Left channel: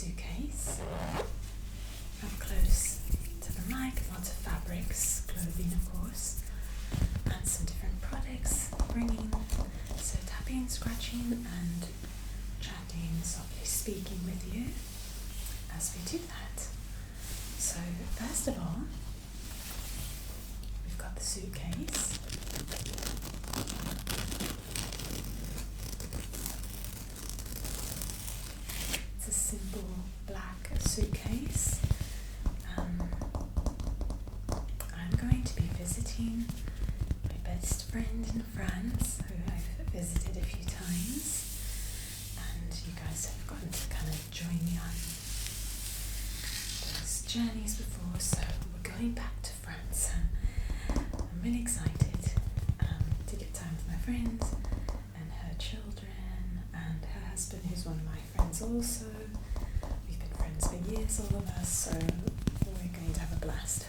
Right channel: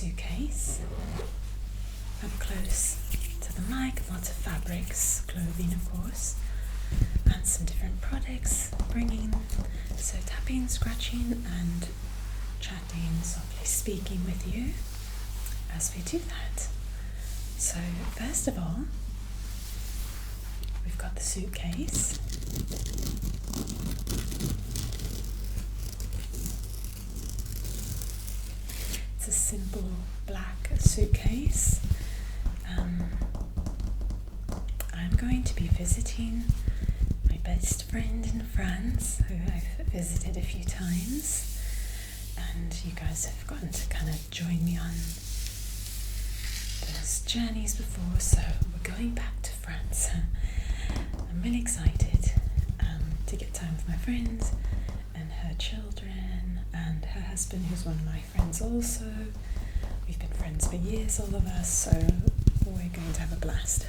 suitcase. Up close to the mic, lots of fabrics, clothing of course, and some different products, so tapping, scratching and chatting, softly speaking with you as we do that. So first of all, we've got the suitcase. It's a simple black suitcase. I'm going to be visiting my best friend in France, who I've visited a few times, and you guys have gotten to kind of join me on those journeys before, so we're going back to France. I'm really excited to get time with my friend and her children and her husband, who's one of my friends also. We've been friends for years, all of us, so we're going to have a blast.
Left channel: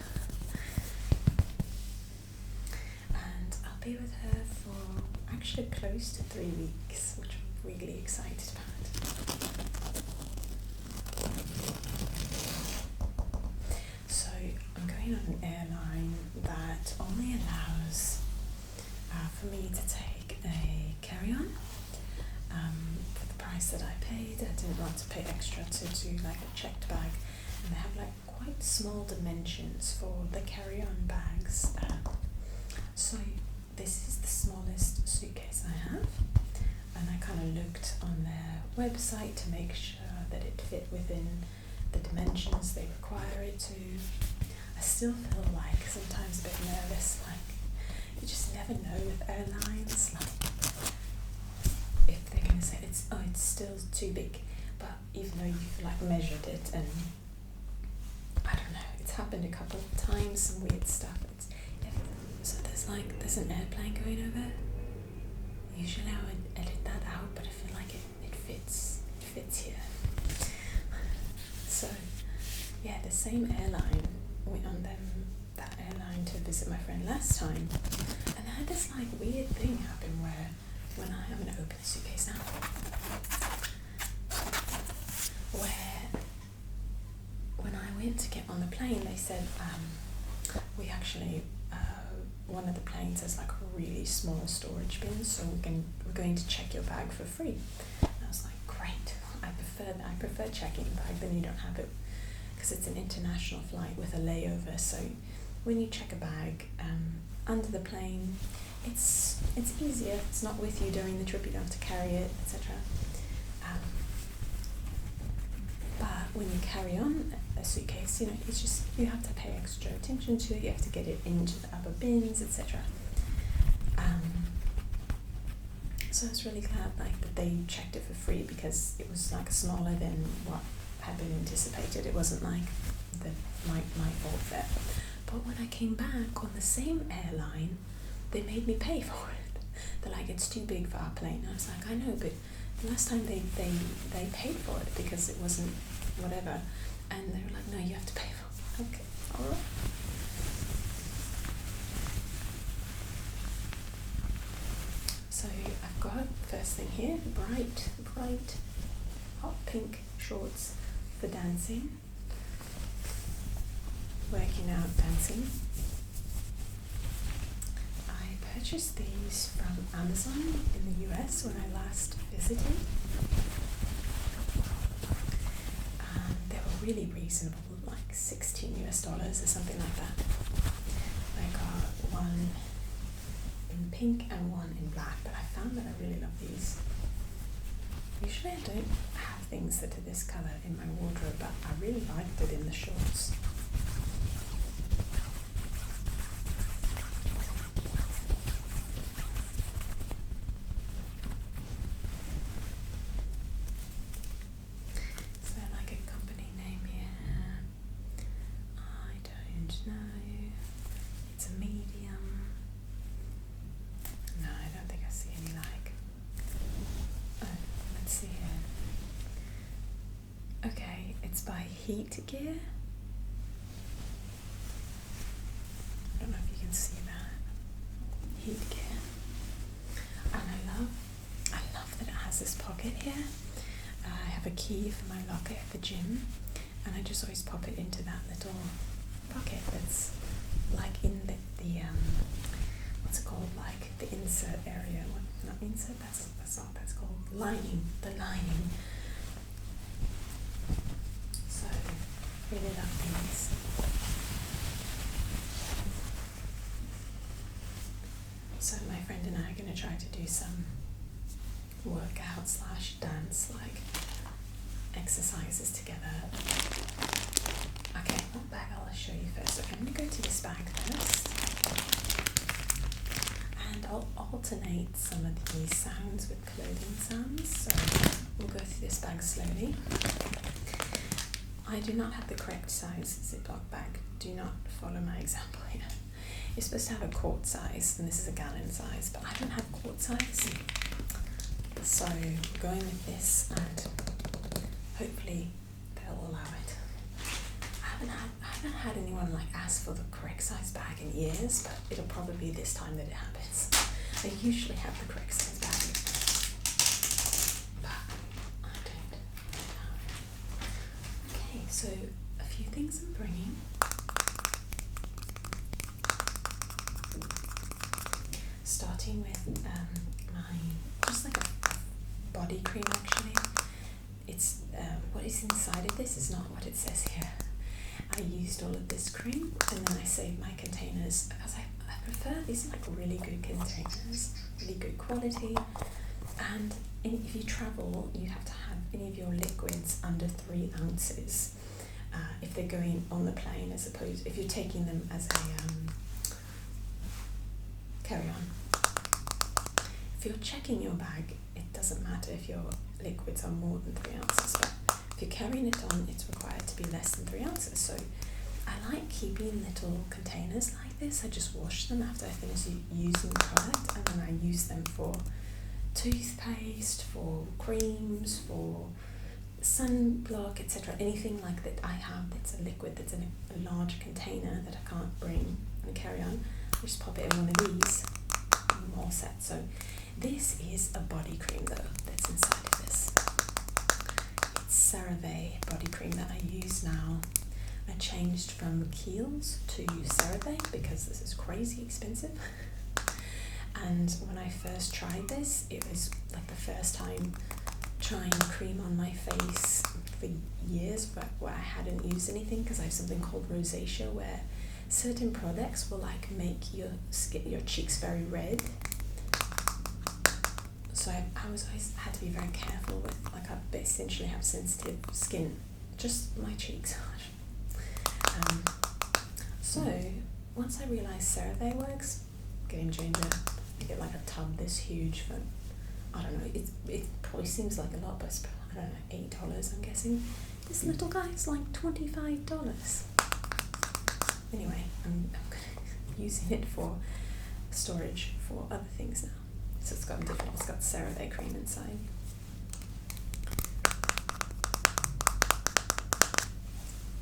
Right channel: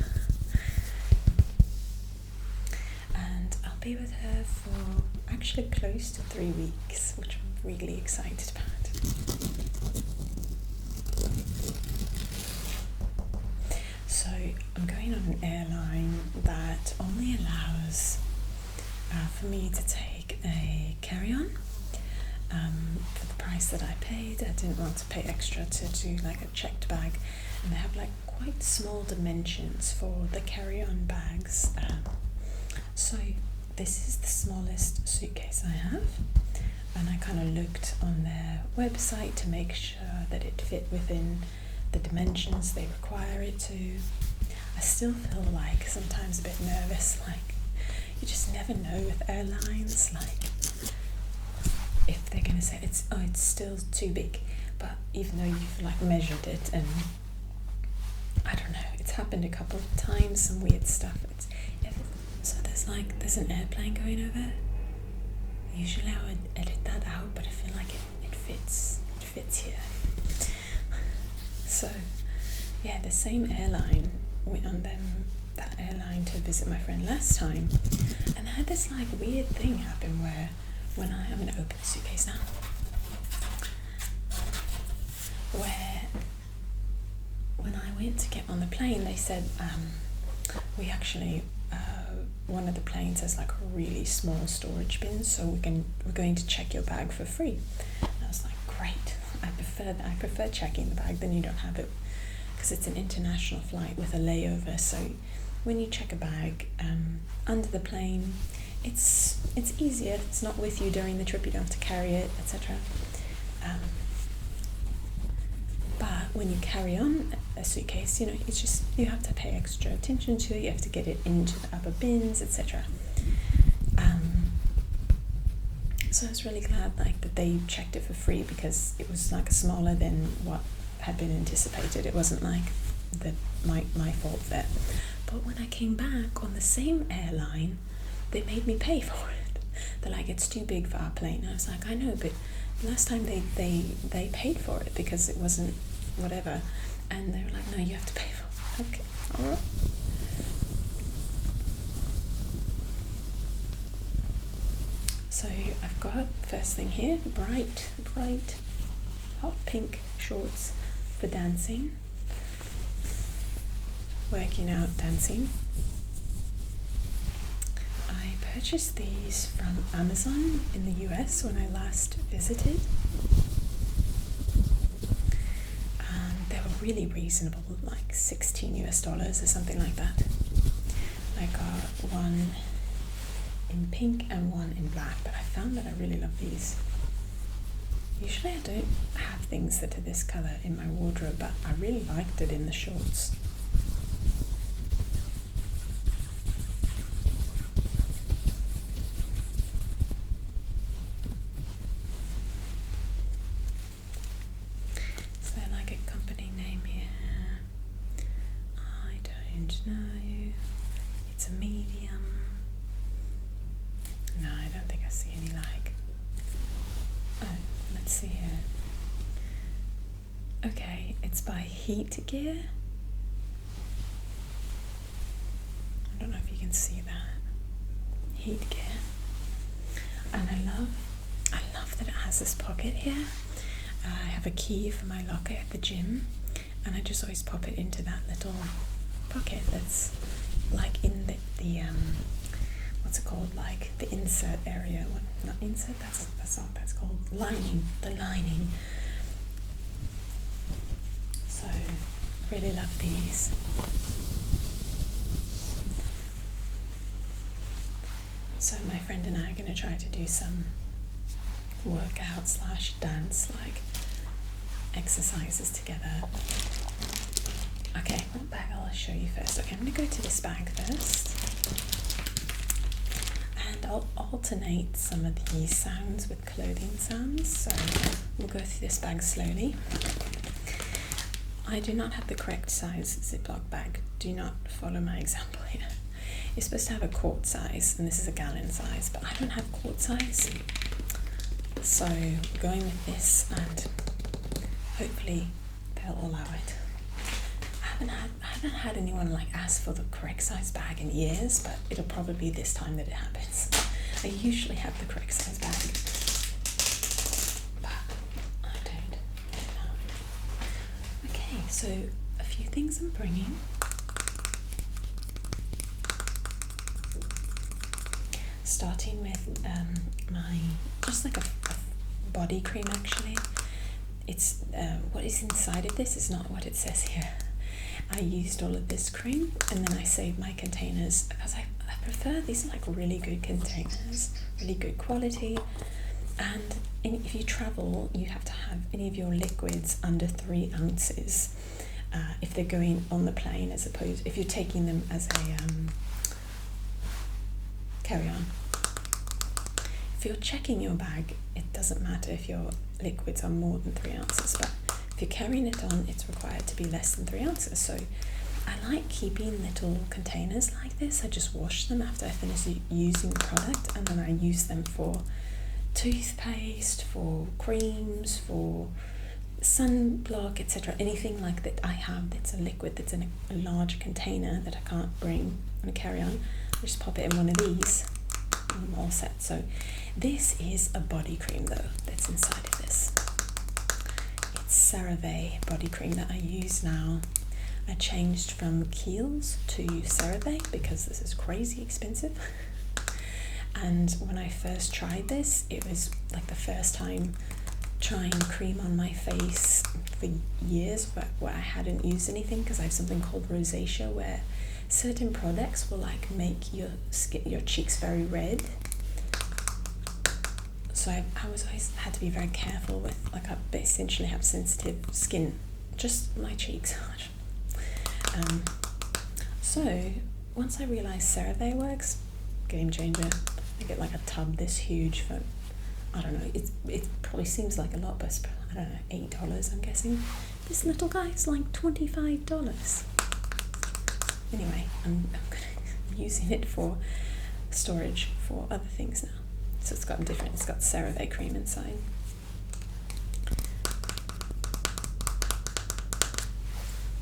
And I'll be with her for actually close to 3 weeks, which I'm really excited about. So I'm going on an airline that only allows for me to take a carry-on. For the price that I paid, I didn't want to pay extra to do like a checked bag, and they have like quite small dimensions for the carry-on bags. So this is the smallest suitcase I have, and I kind of looked on their website to make sure that it fit within the dimensions they require it to. I still feel like sometimes a bit nervous, like you just never know with airlines, like if they're going to say it's still too big, but even though you've like measured it, and I don't know, it's happened a couple of times, some weird stuff. So there's an airplane going over. Usually I would edit that out, but I feel like it fits here. So yeah, the same airline, went on that airline to visit my friend last time, and I had this like weird thing happen where I'm going to open the suitcase now, where when I went to get on the plane, they said we actually one of the planes has like a really small storage bin, so we're going to check your bag for free. And I was like, great, I prefer checking the bag than you don't have it, because it's an international flight with a layover. So when you check a bag under the plane, it's easier. It's not with you during the trip. You don't have to carry it, etc. But when you carry on a suitcase, it's just you have to pay extra attention to it. You have to get it into the upper bins, etc. So I was really glad that they checked it for free, because it was like smaller than what had been anticipated. It wasn't like my fault there. But when I came back on the same airline, they made me pay for it. They're like, it's too big for our plane. I was like, I know, but last time they paid for it because it wasn't whatever. And they were like, no, you have to pay for it. Okay, all right. So I've got, first thing here, bright, hot pink shorts for dancing. Working out, dancing. I purchased these from Amazon in the US when I last visited. They were really reasonable, like $16 or something like that. I got one in pink and one in black, but I found that I really love these. Usually I don't have things that are this colour in my wardrobe, but I really liked it in the shorts. No, it's a medium. No, I don't think I see any like. Oh, let's see here. Okay, it's by Heat Gear. I don't know if you can see that. Heat Gear. And I love that it has this pocket here. I have a key for my locker at the gym, and I just always pop it into that little pocket that's like in the what's it called, like the insert area. What, not insert, that's not, that's called lining, the lining. So really love these. So my friend and I are going to try to do some workout slash dance like exercises together. Okay, what bag I'll show you first. Okay, I'm going to go to this bag first, and I'll alternate some of these sounds with clothing sounds, so we'll go through this bag slowly. I do not have the correct size Ziploc bag. Do not follow my example here. You're supposed to have a quart size, and this is a gallon size, but I don't have quart size. So we're going with this, and hopefully they'll allow it. I haven't had anyone like ask for the correct size bag in years, but it'll probably be this time that it happens. I usually have the correct size bag, but I don't know. Okay, so a few things I'm bringing. Starting with my, just like a body cream actually. It's what is inside of this is not what it says here. I used all of this cream and then I saved my containers because I prefer these like really good containers, really good quality. And if you travel, you have to have any of your liquids under 3 ounces if they're going on the plane, as opposed if you're taking them as a carry-on. If you're checking your bag, it doesn't matter if your liquids are more than 3 ounces, but if you're carrying it on, it's required to be less than 3 ounces. So I like keeping little containers like this. I just wash them after I finish using the product, and then I use them for toothpaste, for creams, for sunblock, etc. Anything like that I have that's a liquid that's in a large container that I can't bring on a carry-on, I just pop it in one of these and I'm all set. So this is a body cream though that's inside of this. It's CeraVe body cream that I use now. I changed from Kiehl's to CeraVe because this is crazy expensive. And when I first tried this, it was like the first time trying cream on my face for years where I hadn't used anything, because I have something called rosacea where certain products will like make your skin, your cheeks very red. So I always had to be very careful with, like, I essentially have sensitive skin, just my cheeks. So once I realized CeraVe works, game changer. I get like a tub this huge for, I don't know, it probably seems like a lot, but it's, I don't know, $8 I'm guessing. This little guy is like $25. Anyway, I'm using it for storage for other things now. So it's got CeraVe cream inside.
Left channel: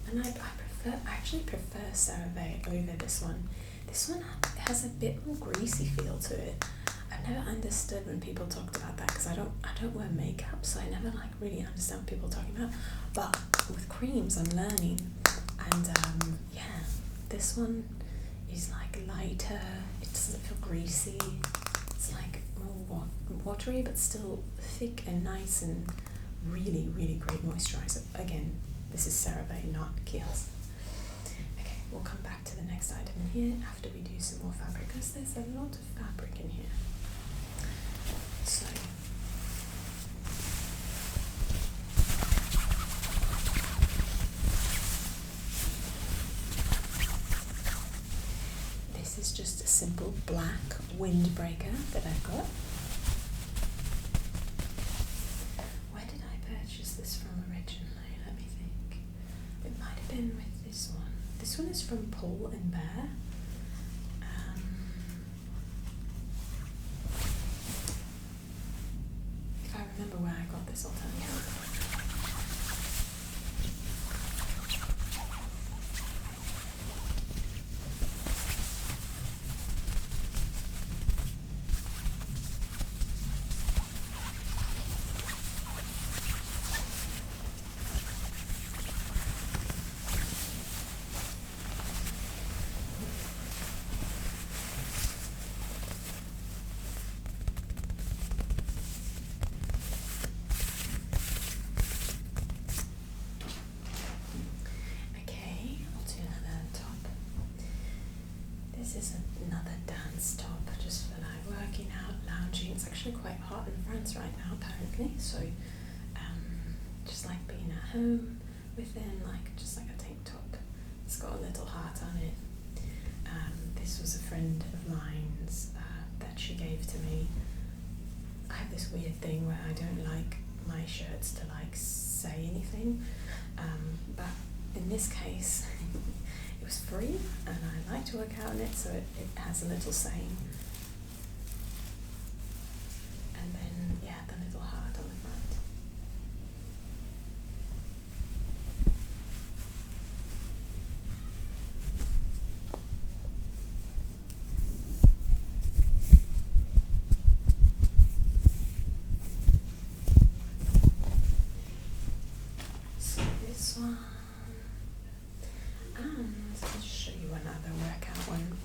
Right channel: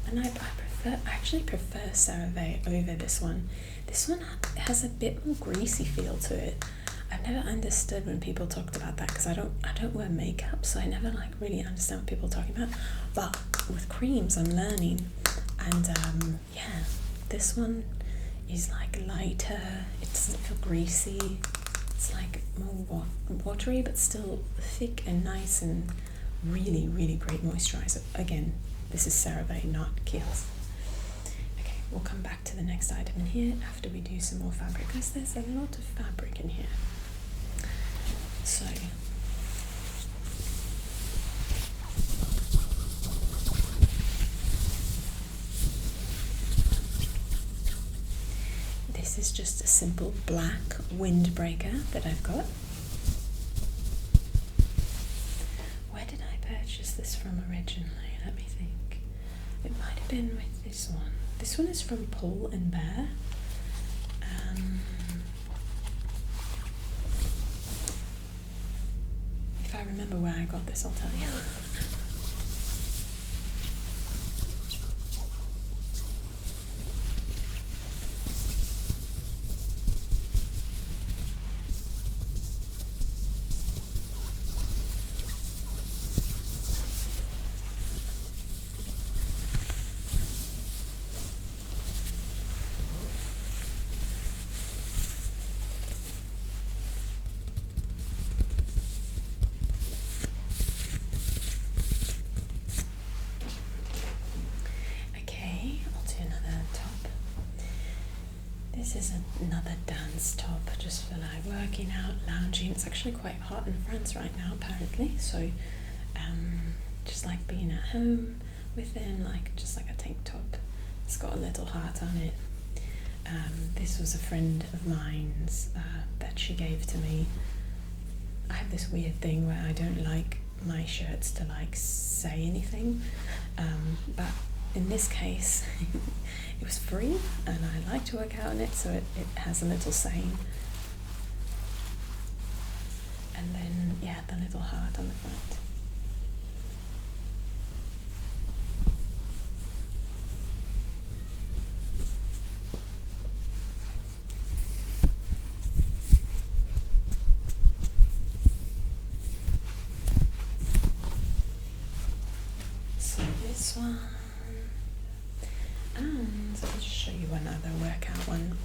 And I actually prefer CeraVe over this one. This one has a bit more greasy feel to it. I've never understood when people talked about that, because I don't wear makeup, so I never like really understand what people are talking about. But with creams, I'm learning, and yeah, this one is like lighter. It doesn't feel greasy. It's like more watery, but still thick and nice, and really, really great moisturizer. Again, this is CeraVe, not Kiehl's. We'll come back to the next item in here after we do some more fabric, because there's a lot of fabric in here. So this is just a simple black windbreaker that I've got. Where did I purchase this from originally? Let me think. It might have been with this one. This one is from Pull and Bear. If I remember where I got this, I'll tell you. This is another dance top, just for like working out, lounging. It's actually quite hot in France right now, apparently. So, just like being at home within like just like a tank top. It's got a little heart on it. This was a friend of mine's that she gave to me. I have this weird thing where I don't like my shirts to like say anything, but in this case it was free and I like to work out in it, so it has a little saying, and then yeah, the little heart on the front. This one, and I'll just show you one other workout one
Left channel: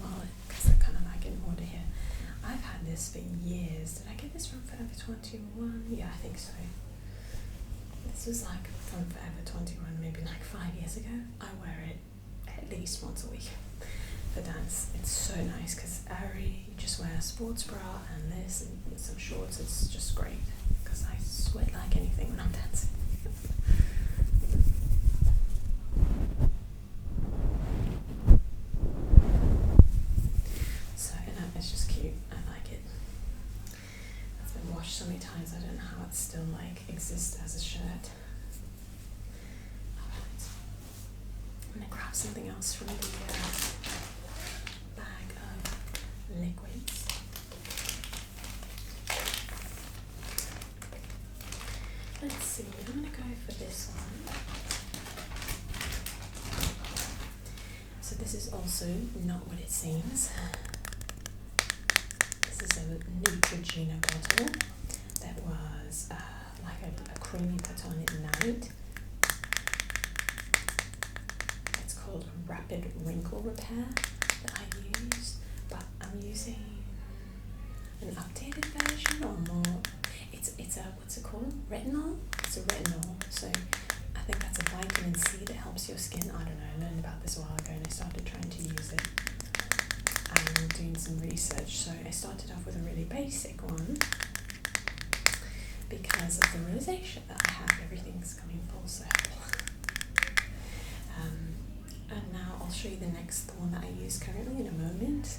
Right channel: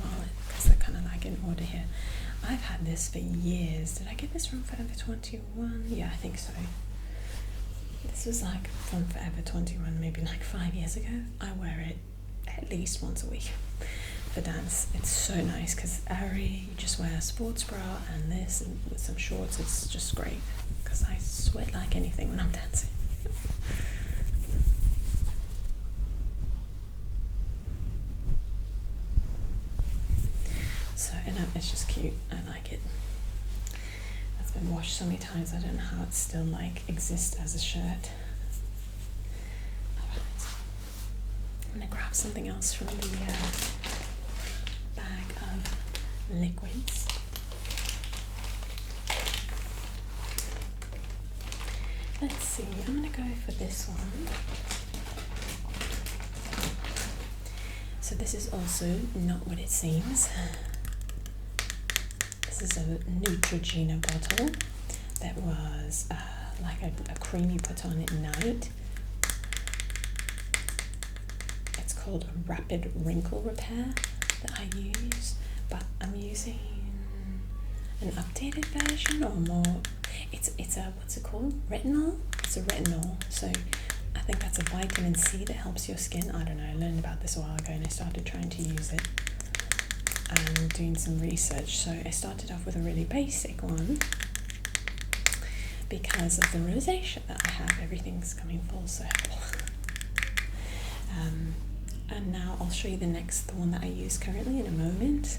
because they're kind of like in order here. I've had this for years. Did I get this from Forever 21? Yeah, I think so. This was like from Forever 21, maybe like 5 years ago. I wear it at least once a week for dance. It's so nice because airy. You just wear a sports bra and this and with some shorts. It's just great because I sweat like anything when I'm dancing. It's just cute. I like it. It's been washed so many times. I don't know how it still like exists as a shirt. Alright. I'm gonna grab something else from the bag of liquids. Let's see. I'm gonna go for this one. So this is also not what it seems. This is a Neutrogena bottle that was like a cream you put on at night. It's called Rapid Wrinkle Repair that I use, but I'm using an updated version or more. It's a, what's it called? Retinol? It's a retinol. So I think that's a vitamin C that helps your skin. I don't know, I learned about this a while ago and I started trying to use it. And doing some research, so I started off with a really basic one because of the rosacea that I have. Everything's coming full circle. And now I'll show you the one that I use currently in a moment,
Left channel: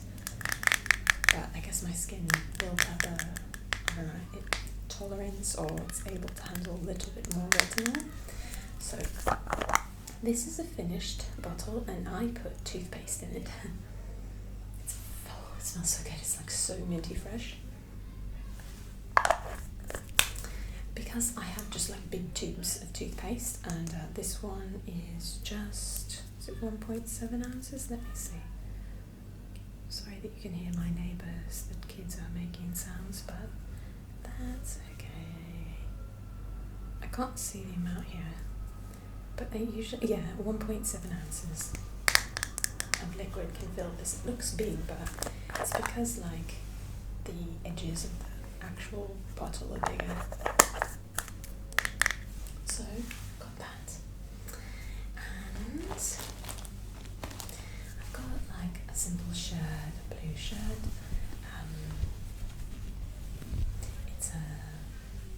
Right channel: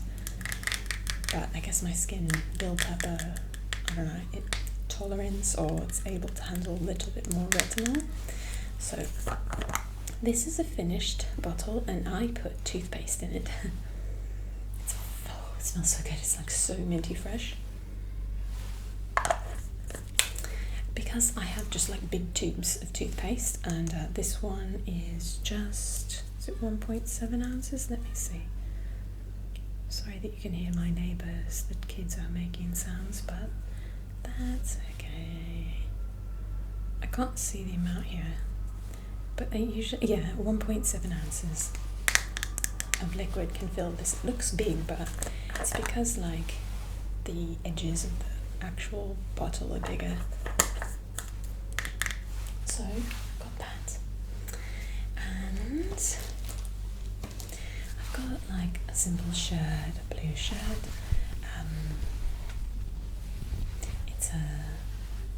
but I guess my skin built up a, I don't know, tolerance, or it's able to handle a little bit more retinol. So this is a finished bottle and I put toothpaste in it. It smells so good. It's like so minty fresh. Because I have just like big tubes of toothpaste, and this one is just, is it 1.7 ounces? Let me see. Sorry that you can hear my neighbours, the kids are making sounds, but that's okay. I can't see the amount here, but I usually, yeah, 1.7 ounces of liquid can fill this. It looks big, but it's because like the edges of the actual bottle are bigger. So got that, and I've got like a simple shirt, a blue shirt. It's a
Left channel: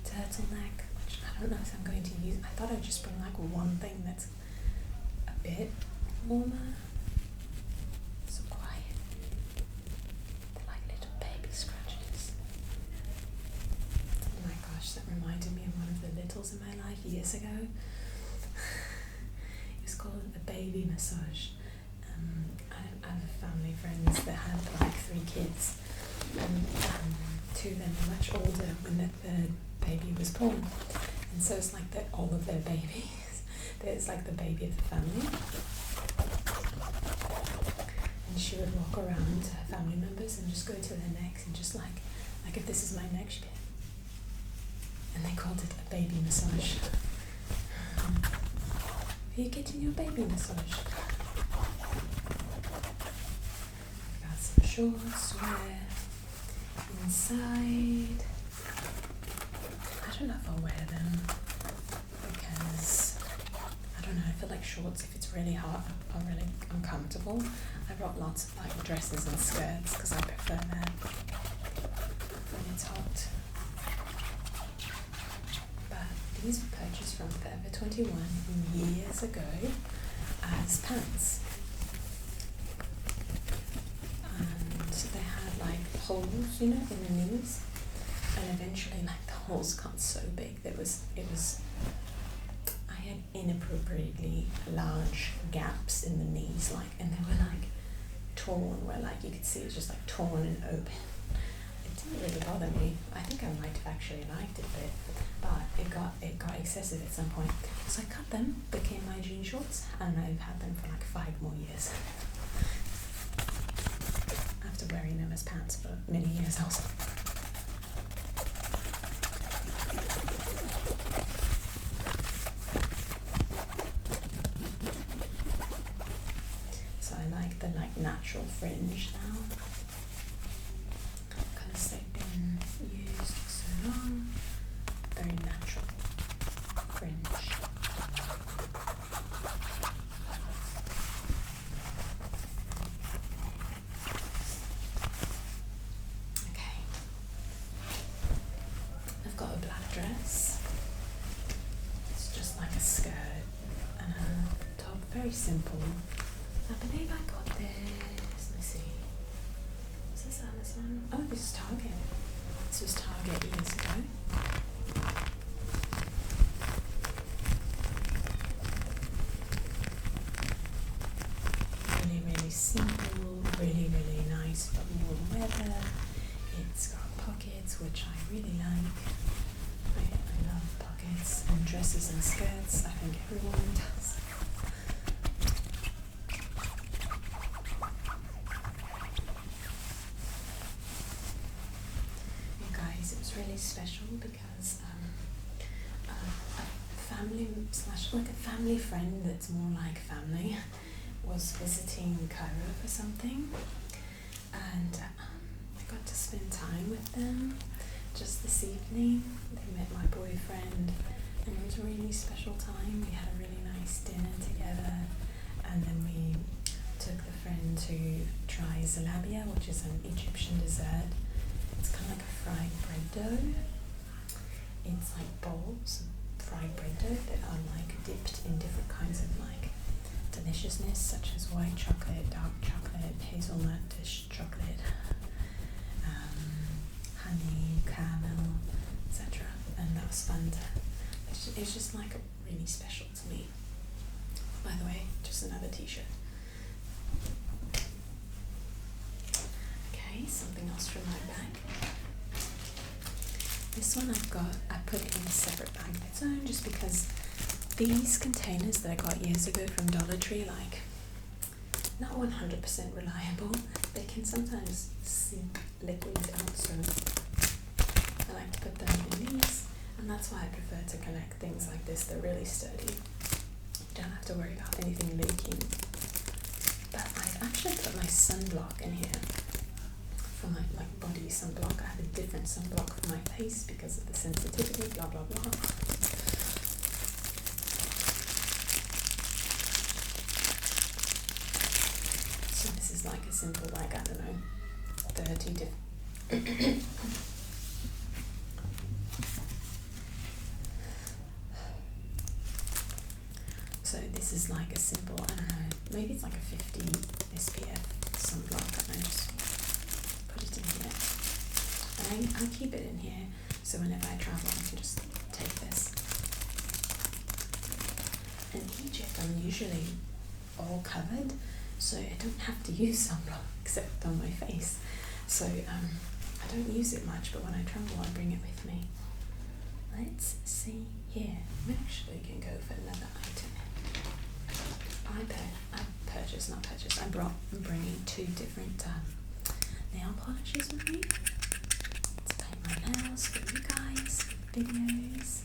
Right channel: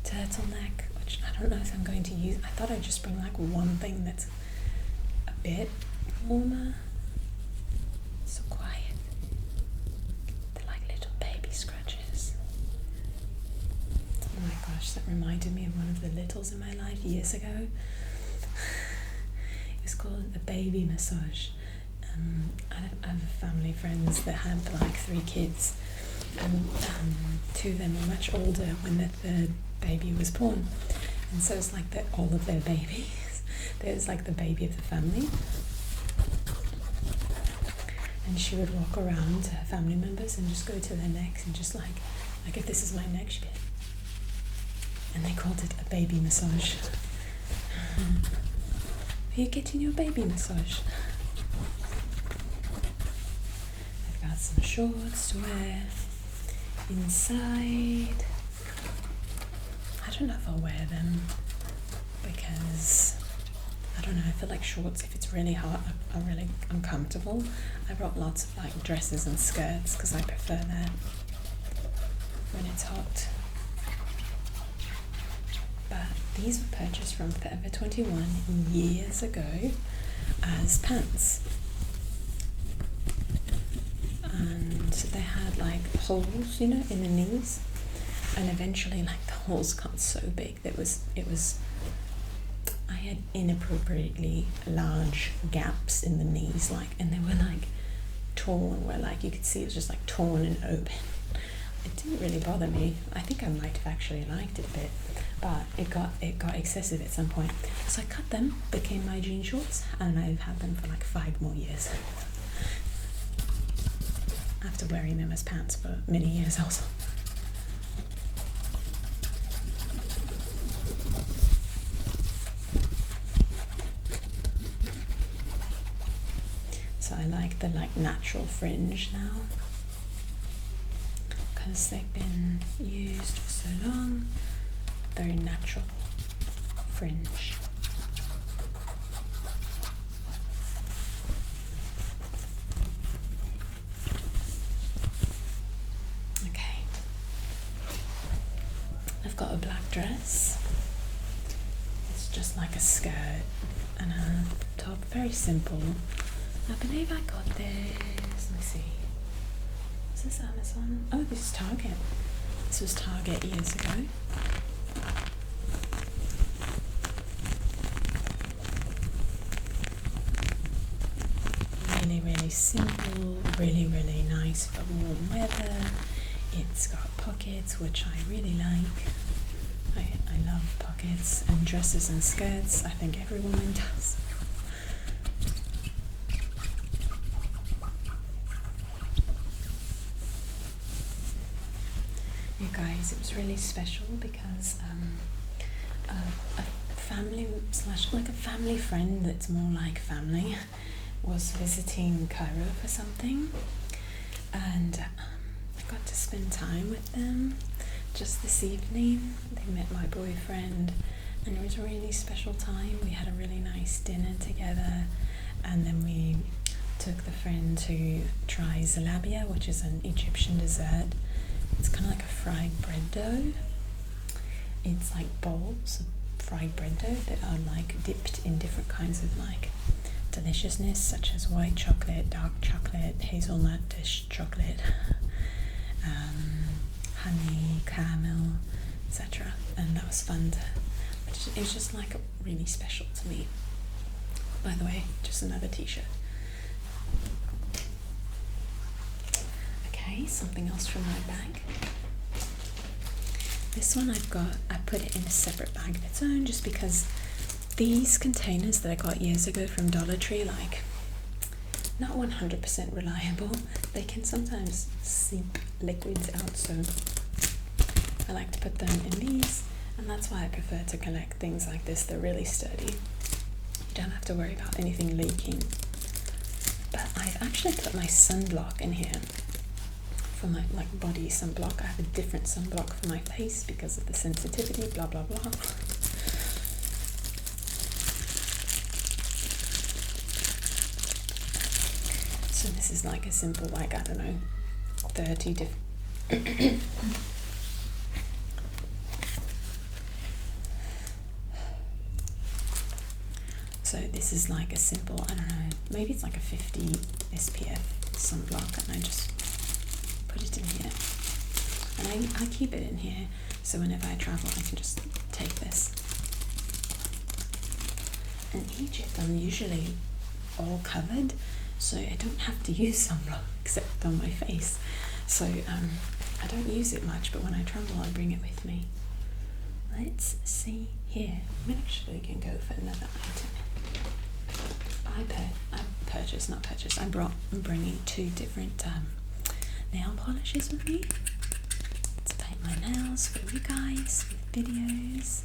turtleneck, which I don't know if I'm going to use. I thought I'd just bring like one thing that's a bit warmer. That reminded me of one of the littles in my life years ago. It was called a baby massage. I have family friends that had like 3 kids, and 2 of them were much older when their 3rd baby was born, and so it's like all of their babies. There's like the baby of the family, and she would walk around to her family members and just go to their necks and just like if this is my neck, she'd be, and they called it a baby massage. Are you getting your baby massage? I've got some shorts to wear inside. I don't know if I'll wear them because I don't know, I feel like shorts, if it's really hot, are really uncomfortable. I brought lots of like dresses and skirts because I prefer that when it's hot. But these were purchased from Forever 21 years ago as pants. And they had like holes, you know, in the knees. And eventually like the holes got so big that I had inappropriately large gaps in the knees, like, and they were like torn, where like you could see it was just like torn and open. It didn't really bother me. I think I might have actually liked it a bit, but it got excessive at some point. So I cut them, became my jean shorts, and I've had them for like 5 more years. After wearing them as pants for many years also. So I like the like natural fringe now because they've been used for so long. Very natural fringe. Okay. I've got a black dress. It's just like a skirt and a top, very simple. I believe I got this, let me see, is this Amazon? Oh, this is Target. This was Target years ago. Really, really simple, really, really nice for warm weather. It's got pockets, which I really like. I love pockets and dresses and skirts. I think every woman does. You guys, it was really special because a family / like a family friend that's more like family was visiting Cairo for something, and I got to spend time with them just this evening. They met my boyfriend and it was a really special time. We had a really nice dinner together, and then we took the friend to try zalabia, which is an Egyptian dessert. It's kind of like a fried bread dough. It's like bowls of fried bread dough that are like dipped in different kinds of like deliciousness, such as white chocolate, dark chocolate, hazelnut dish chocolate, honey, caramel, etc. And that was fun. It was just like really special to me. By the way, just another t-shirt. Okay, something else from my bag. This one I put it in a separate bag of its own just because these containers that I got years ago from Dollar Tree, like, not 100% reliable. They can sometimes seep liquids out, so I like to put them in these, and that's why I prefer to collect things like this. They're really sturdy. You don't have to worry about anything leaking. But I've actually put my sunblock in here for my like body sunblock. I have a different sunblock for my face because of the sensitivity, blah blah blah. So this is like a simple, like, I don't know, 30 different so this is like a simple, I don't know, maybe it's like a 50 SPF sunblock, and I just put it in here. And I keep it in here, so whenever I travel I can just take this. In Egypt I'm usually all covered, so I don't have to use sunblock except on my face. So I don't use it much, but when I travel I bring it with me. Let's see here. We actually can go for another item. I'm bringing 2 different nail polishes with me to paint my nails for you guys, for videos.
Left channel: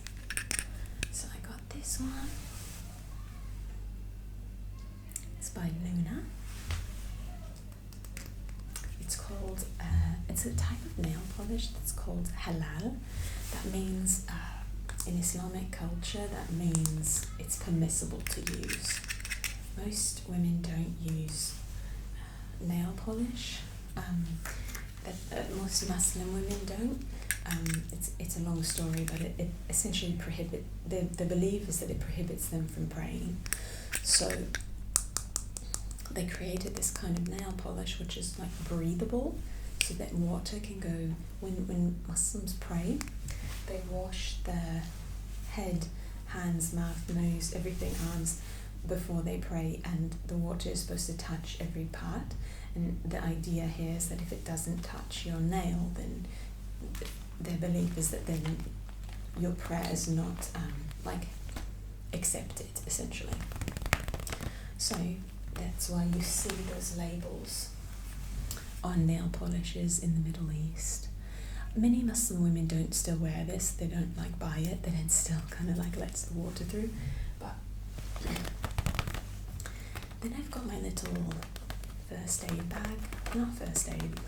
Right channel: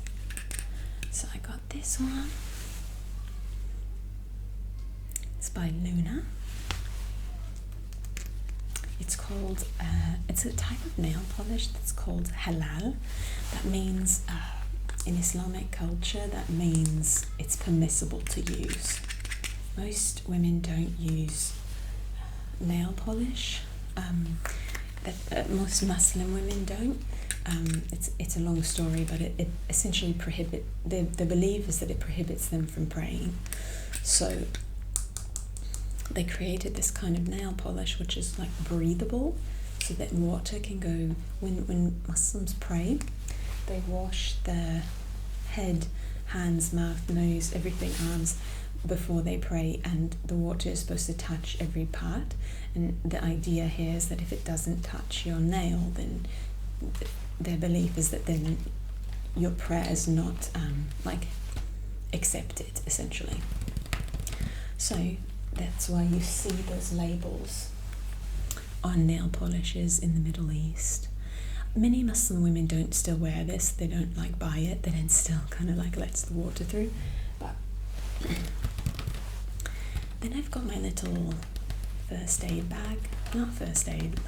So I got this one. It's by Luna. It's called, it's a type of nail polish that's called halal. That means in Islamic culture, that means it's permissible to use. Most women don't use nail polish. Most Muslim women don't. It's a long story, but it essentially the belief is that it prohibits them from praying. So they created this kind of nail polish which is like breathable, so that water can go when Muslims pray. They wash their head, hands, mouth, nose, everything, arms, before they pray, and the water is supposed to touch every part. And the idea here is that if it doesn't touch your nail, then their belief is that then your prayer is not accepted, essentially. So that's why you see those labels on nail polishes in the Middle East. Many Muslim women don't still wear this. They don't buy it. They then still kind of lets the water through. But then I've got my little first aid bag. Not first aid,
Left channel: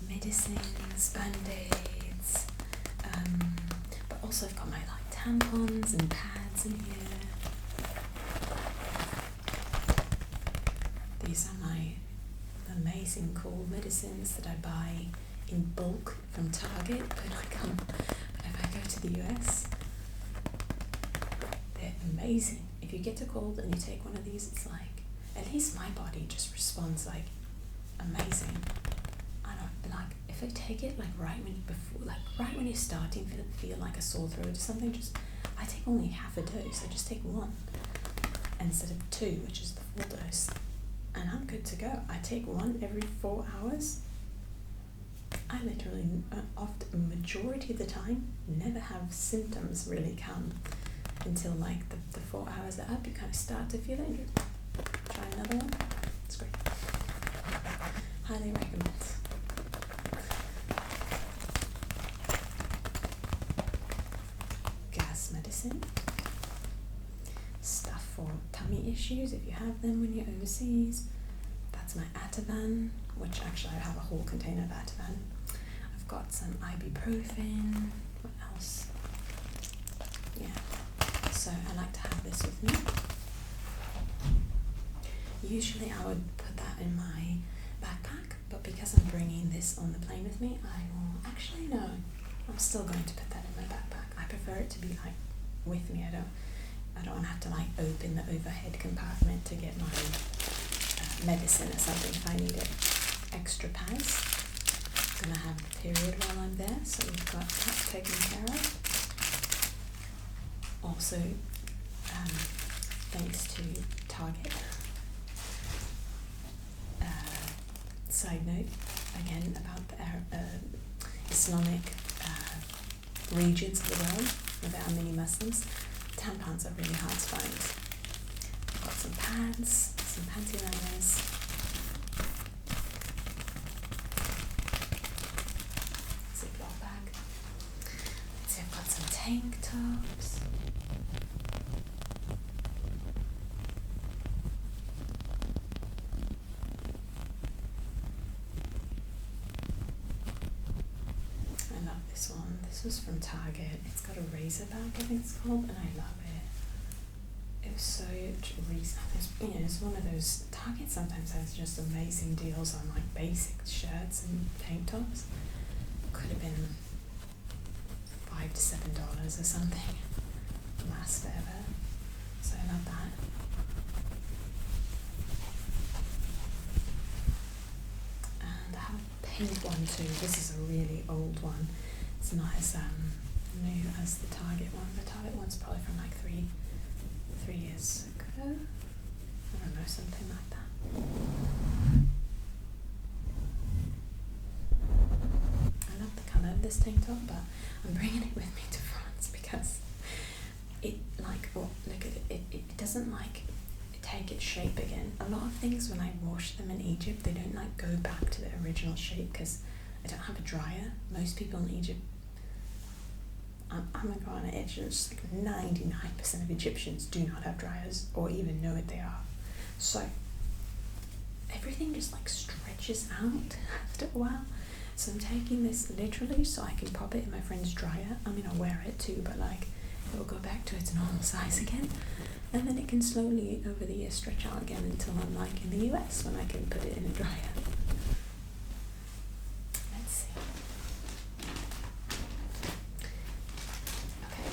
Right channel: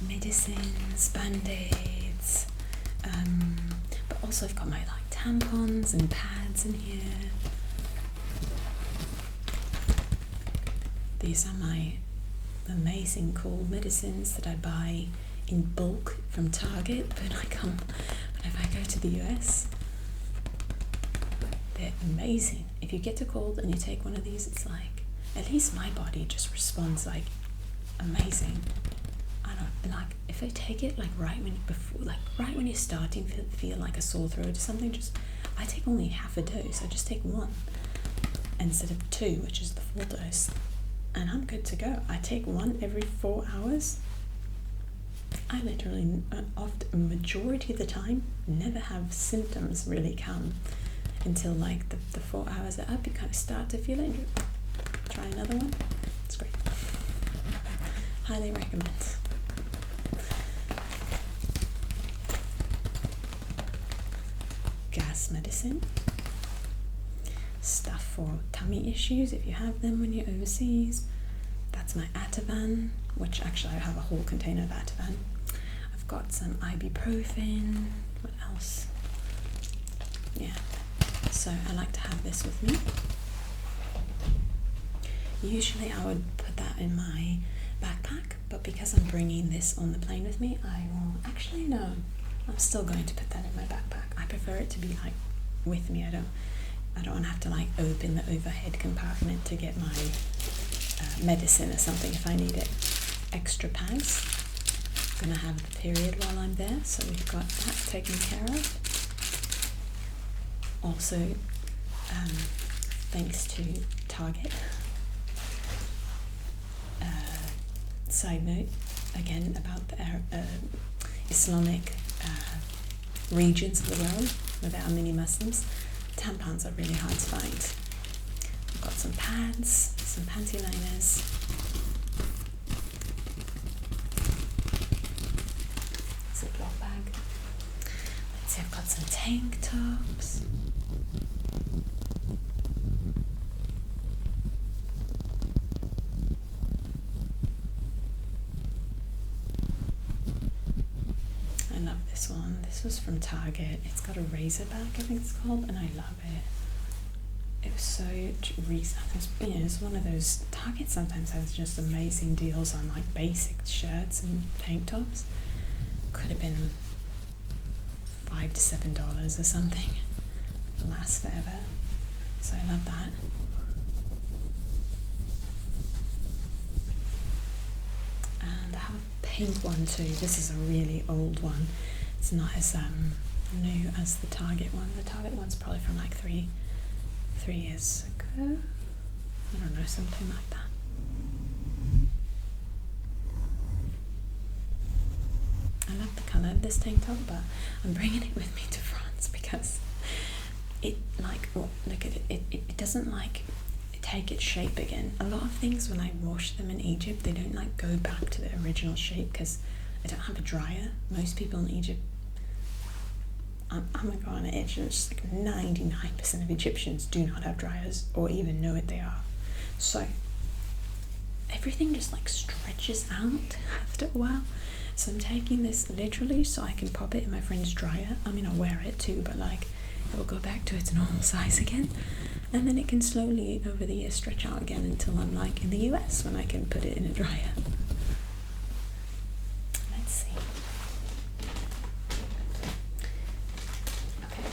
medicines, band-aids. But also I've got my tampons and pads in here. These are my amazing cool medicines that I buy in bulk from Target whenever I go to the US. They're amazing. If you get a cold and you take one of these, it's at least my body just responds amazing. I don't if I take it right when you're starting to feel like a sore throat or something, I take only half a dose. I just take one instead of two, which is the full dose, and I'm good to go. I take one every 4 hours. I literally, often, majority of the time, never have symptoms really come until the 4 hours are up. You kind of start to feel it, and you try another one. It's great. Highly recommend. Gas medicine. Stuff for tummy issues if you have them when you're overseas. That's my Ativan, which actually I have a whole container of Ativan. I've got some ibuprofen. What else? Yeah. So I like to have this with me. Usually I would put that in my backpack, but because I'm bringing this on the plane with me, I will actually no. I'm still going to put that in my backpack. I prefer it to be with me. I don't want to have to open the overhead compartment to get my medicine or something if I need it. Extra pads. I'm gonna have the period while I'm there, so we've got that taken care of. Also, thanks to Target. Side note again about the Islamic regions of the world where there are many Muslims. Tampons are really hard to find. I've got some pads, some panty liners, Ziploc bag. Let's see, I've got some tank tops. I love this one. This was from Target. It's got a razor bag, I think it's called, and I love it. It was so reasonable. It's one of those. Target sometimes has just amazing deals on basic shirts and tank tops. Could have been $5 to $7 or something. Lasts forever. So I love that. And I have a pink one too. This is a really old one. It's not as new as the Target one. The Target one's probably from 3 years ago. I don't know, something like that. I love the colour of this tank top, but I'm bringing it with me to France because it look at it. It doesn't take its shape again. A lot of things when I wash them in Egypt, they don't go back to the original shape because I don't have a dryer. Most people in Egypt, I'm gonna go on an edge, and it's 99% of Egyptians do not have dryers or even know what they are. So everything just stretches out after a while, So I'm taking this literally so I can pop it in my friend's dryer. I mean, I wear it too, but like it will go back to its normal size again. And then it can slowly over the year stretch out again until I'm like in the US when I can put it in a dryer. Let's see. Okay.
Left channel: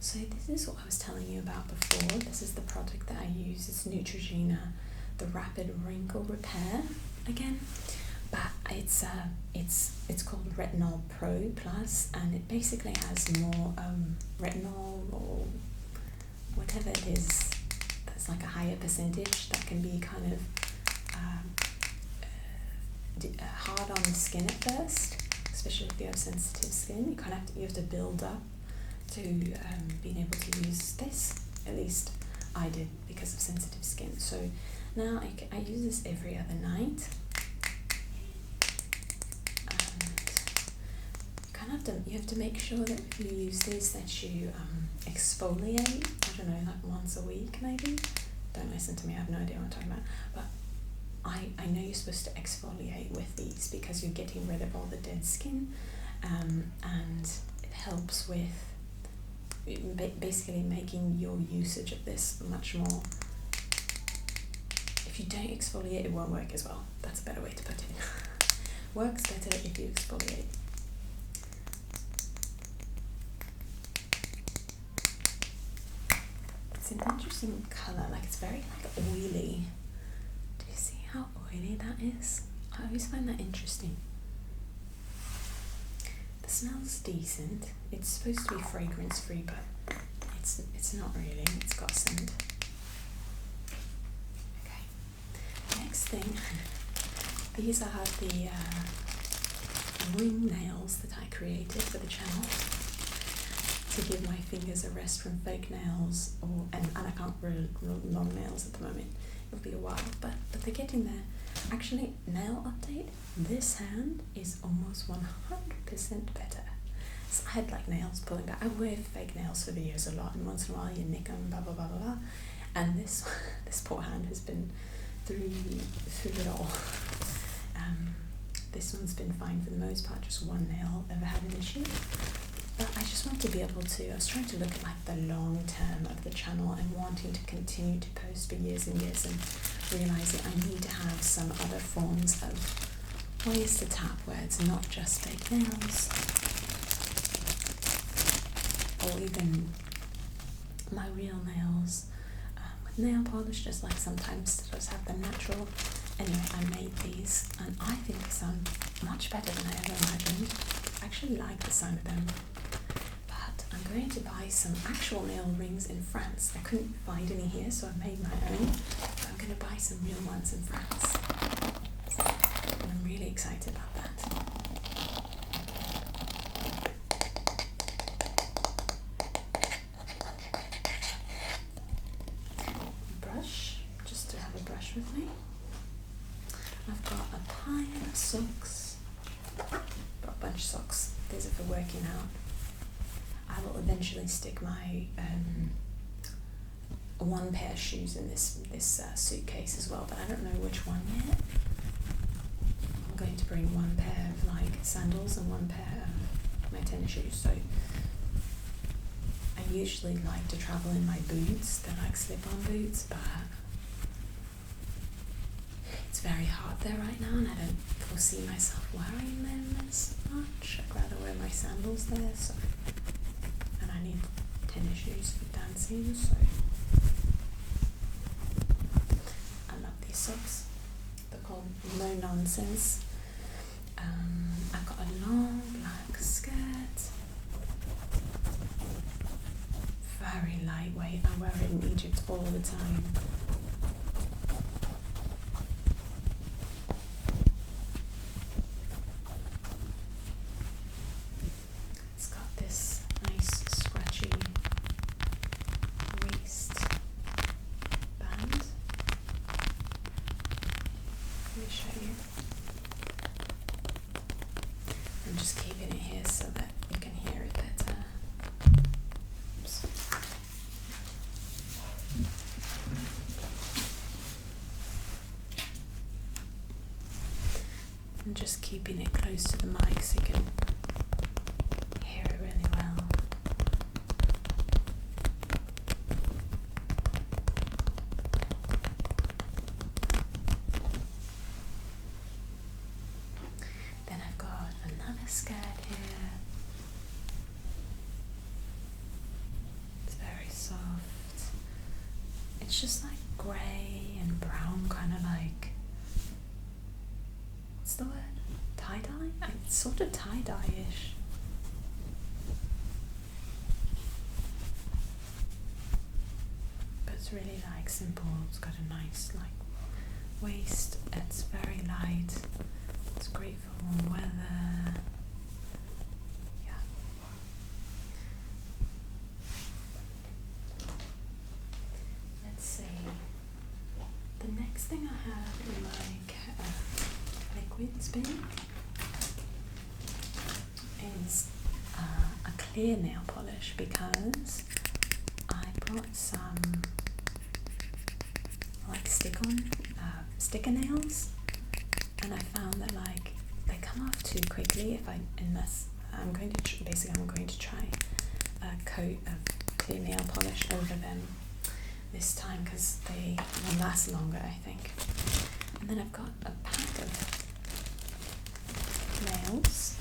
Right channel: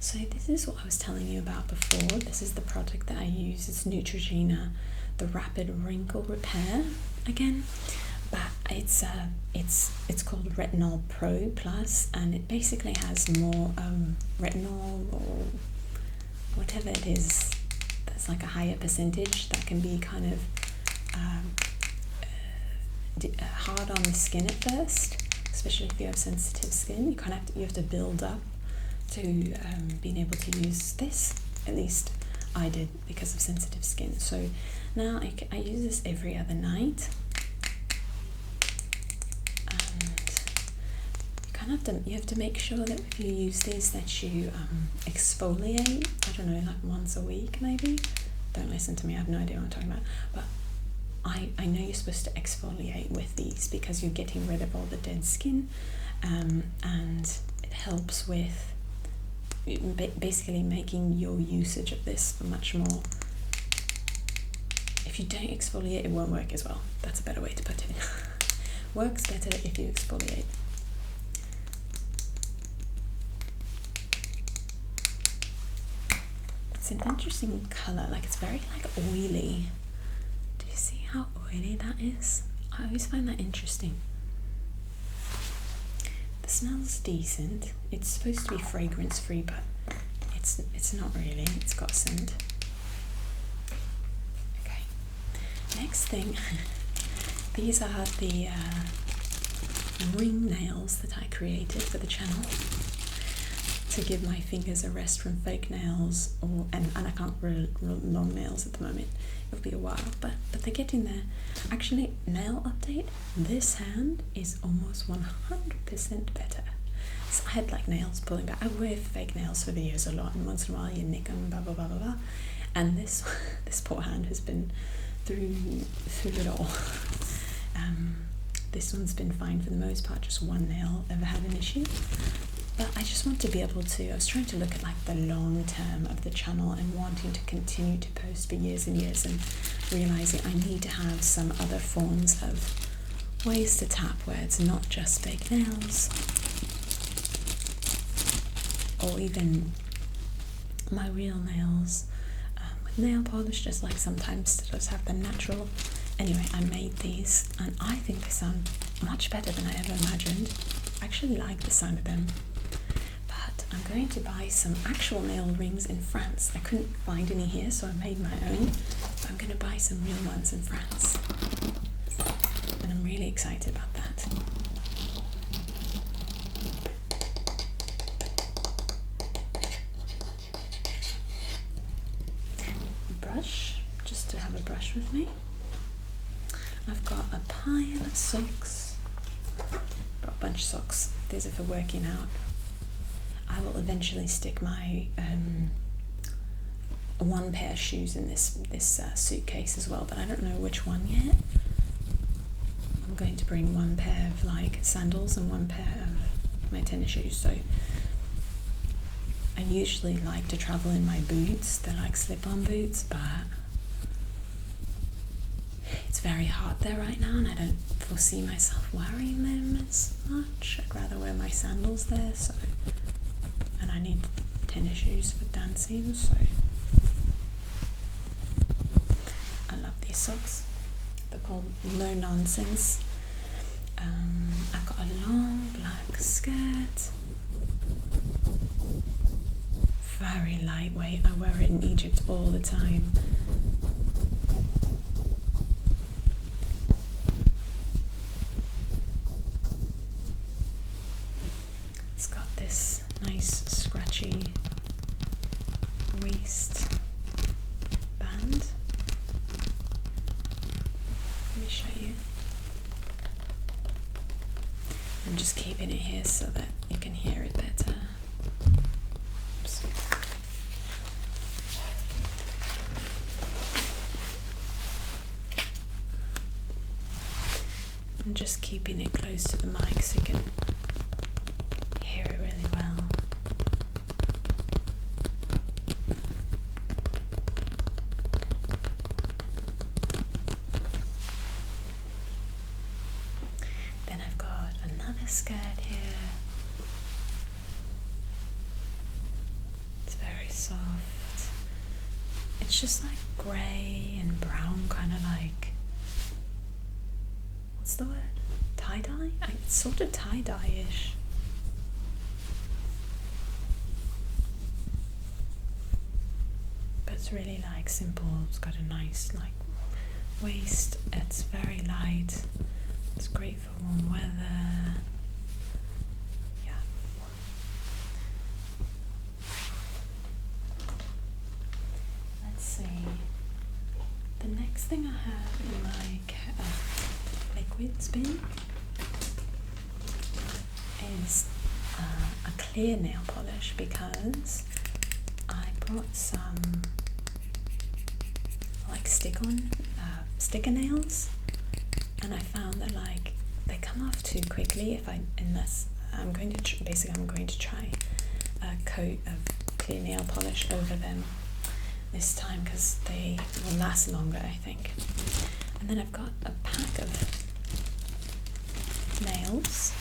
So this is what I was telling you about before. This is the product that I use. It's Neutrogena, the Rapid Wrinkle Repair again. But it's called Retinol Pro Plus, and it basically has more retinol or whatever it is that's like a higher percentage that can be kind of hard on the skin at first, especially if you have sensitive skin. You have to build up to being able to use this. At least I did because of sensitive skin. So now I use this every other night. You have to make sure that if you use these that you exfoliate, I don't know, like once a week maybe. Don't listen to me, I have no idea what I'm talking about. But I know you're supposed to exfoliate with these because you're getting rid of all the dead skin, and it helps with basically making your usage of this much more. If you don't exfoliate, it won't work as well. That's a better way to put it. Works better if you exfoliate. It's an interesting colour, like it's very like oily. Do you see how oily that is? I always find that interesting. The smell's decent. It's supposed to be fragrance free, but it's not really. It's got scent. Okay. Next thing, these are the ring nails that I created for the channel, to give my fingers a rest from fake nails, and I can't roll long nails at the moment. It'll be a while, but they're getting there. Actually, nail update, this hand is almost 100% better. So I had like nails pulling back. I wear fake nails for videos a lot, and once in a while you nick them, blah blah blah blah blah. And this poor hand has been through it all. This one's been fine for the most part, just one nail ever had an issue. But I just want to be able to, I was trying to look at like the long term of the channel and wanting to continue to post for years and years, and realising I need to have some other forms of ways to tap where it's not just fake nails, or even my real nails with nail polish, just like sometimes to just have the natural. Anyway, I made these and I think they sound much better than I ever imagined. I actually like the sound of them. But I'm going to buy some actual nail rings in France. I couldn't find any here, so I made my own. But I'm going to buy some real ones in France. And I'm really excited about that. Brush, just to have a brush with me. I've got a pile of socks. Got a bunch of socks. These are for working out. I will eventually stick my one pair of shoes in this suitcase as well, but I don't know which one yet. I'm going to bring one pair of like sandals and one pair of my tennis shoes. So I usually like to travel in my boots. They're like slip-on boots, but it's very hot there right now, and I don't foresee myself wearing them as much. I'd rather wear my sandals there, so, and I need tennis shoes for dancing, so I love these socks. They're called No Nonsense. I've got a long black skirt, very lightweight. I wear it in Egypt all the time. Nice scratchy waist band. Let me show you. I'm just keeping it here so that you can hear it better. Oops. I'm just keeping it close to the mic so you can hear it really well. Then I've got another skirt here. It's very soft. It's just like grey and brown, kind of like, what's the word? Tie-dye? It's sort of tie-dye-ish. But it's really like simple. It's got a nice like waist. It's very light. It's great for warm weather. Yeah. Let's see. The next thing I have in my liquids bin is a clear nail polish, because I bought some like sticker nails, and I found that like they come off too quickly unless I'm going to try a coat of clear nail polish over them this time, because they will last longer, I think. And then I've got a pack of nails.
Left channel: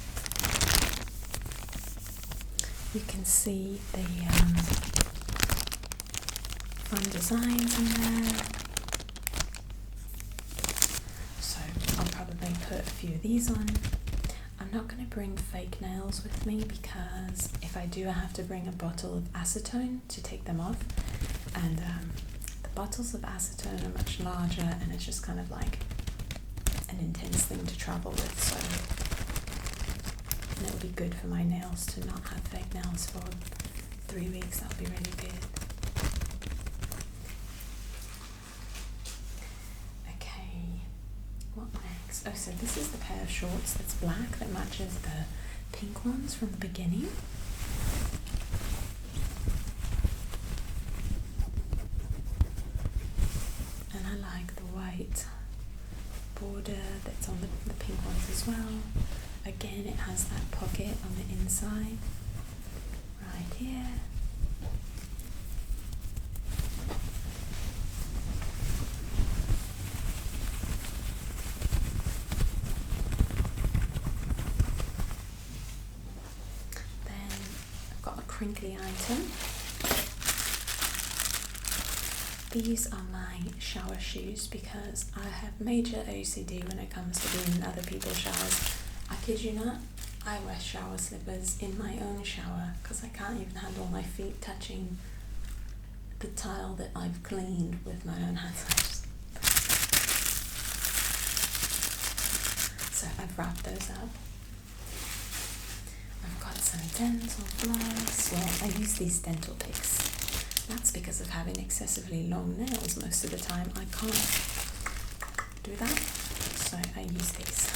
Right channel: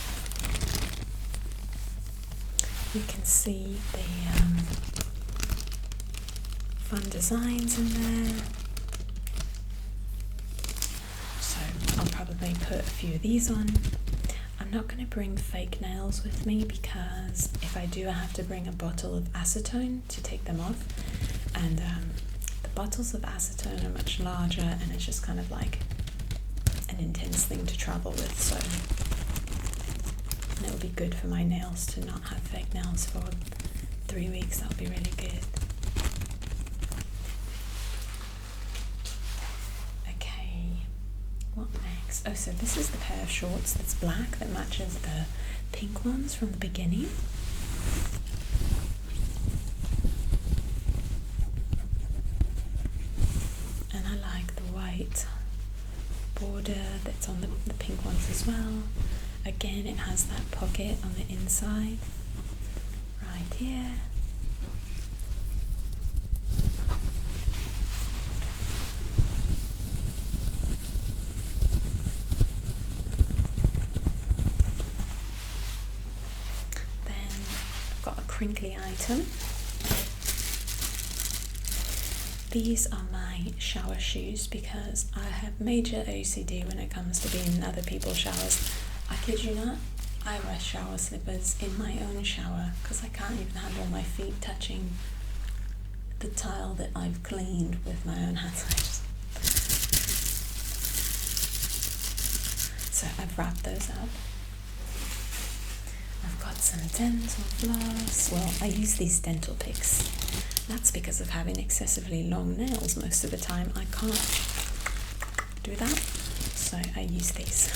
You can see the fun designs in there. So I'll probably put a few of these on. I'm not going to bring fake nails with me, because if I do, I have to bring a bottle of acetone to take them off. And the bottles of acetone are much larger, and it's just kind of like an intense thing to travel with. So, and it would be good for my nails to not have fake nails for 3 weeks. That would be really good. Okay, what next? Oh, so this is the pair of shorts that's black that matches the pink ones from the beginning. And I like the white border that's on the pink ones as well. Again, it has that pocket on the inside, right here. Then I've got a crinkly item. These are my shower shoes, because I have major OCD when it comes to being in other people's showers. I kid you not, I wear shower slippers in my own shower because I can't even handle my feet touching the tile that I've cleaned with my own hands. So I've wrapped those up. I've got some dental floss. Well, I use these dental picks. That's because of having excessively long nails most of the time. I can't do that, so I use these.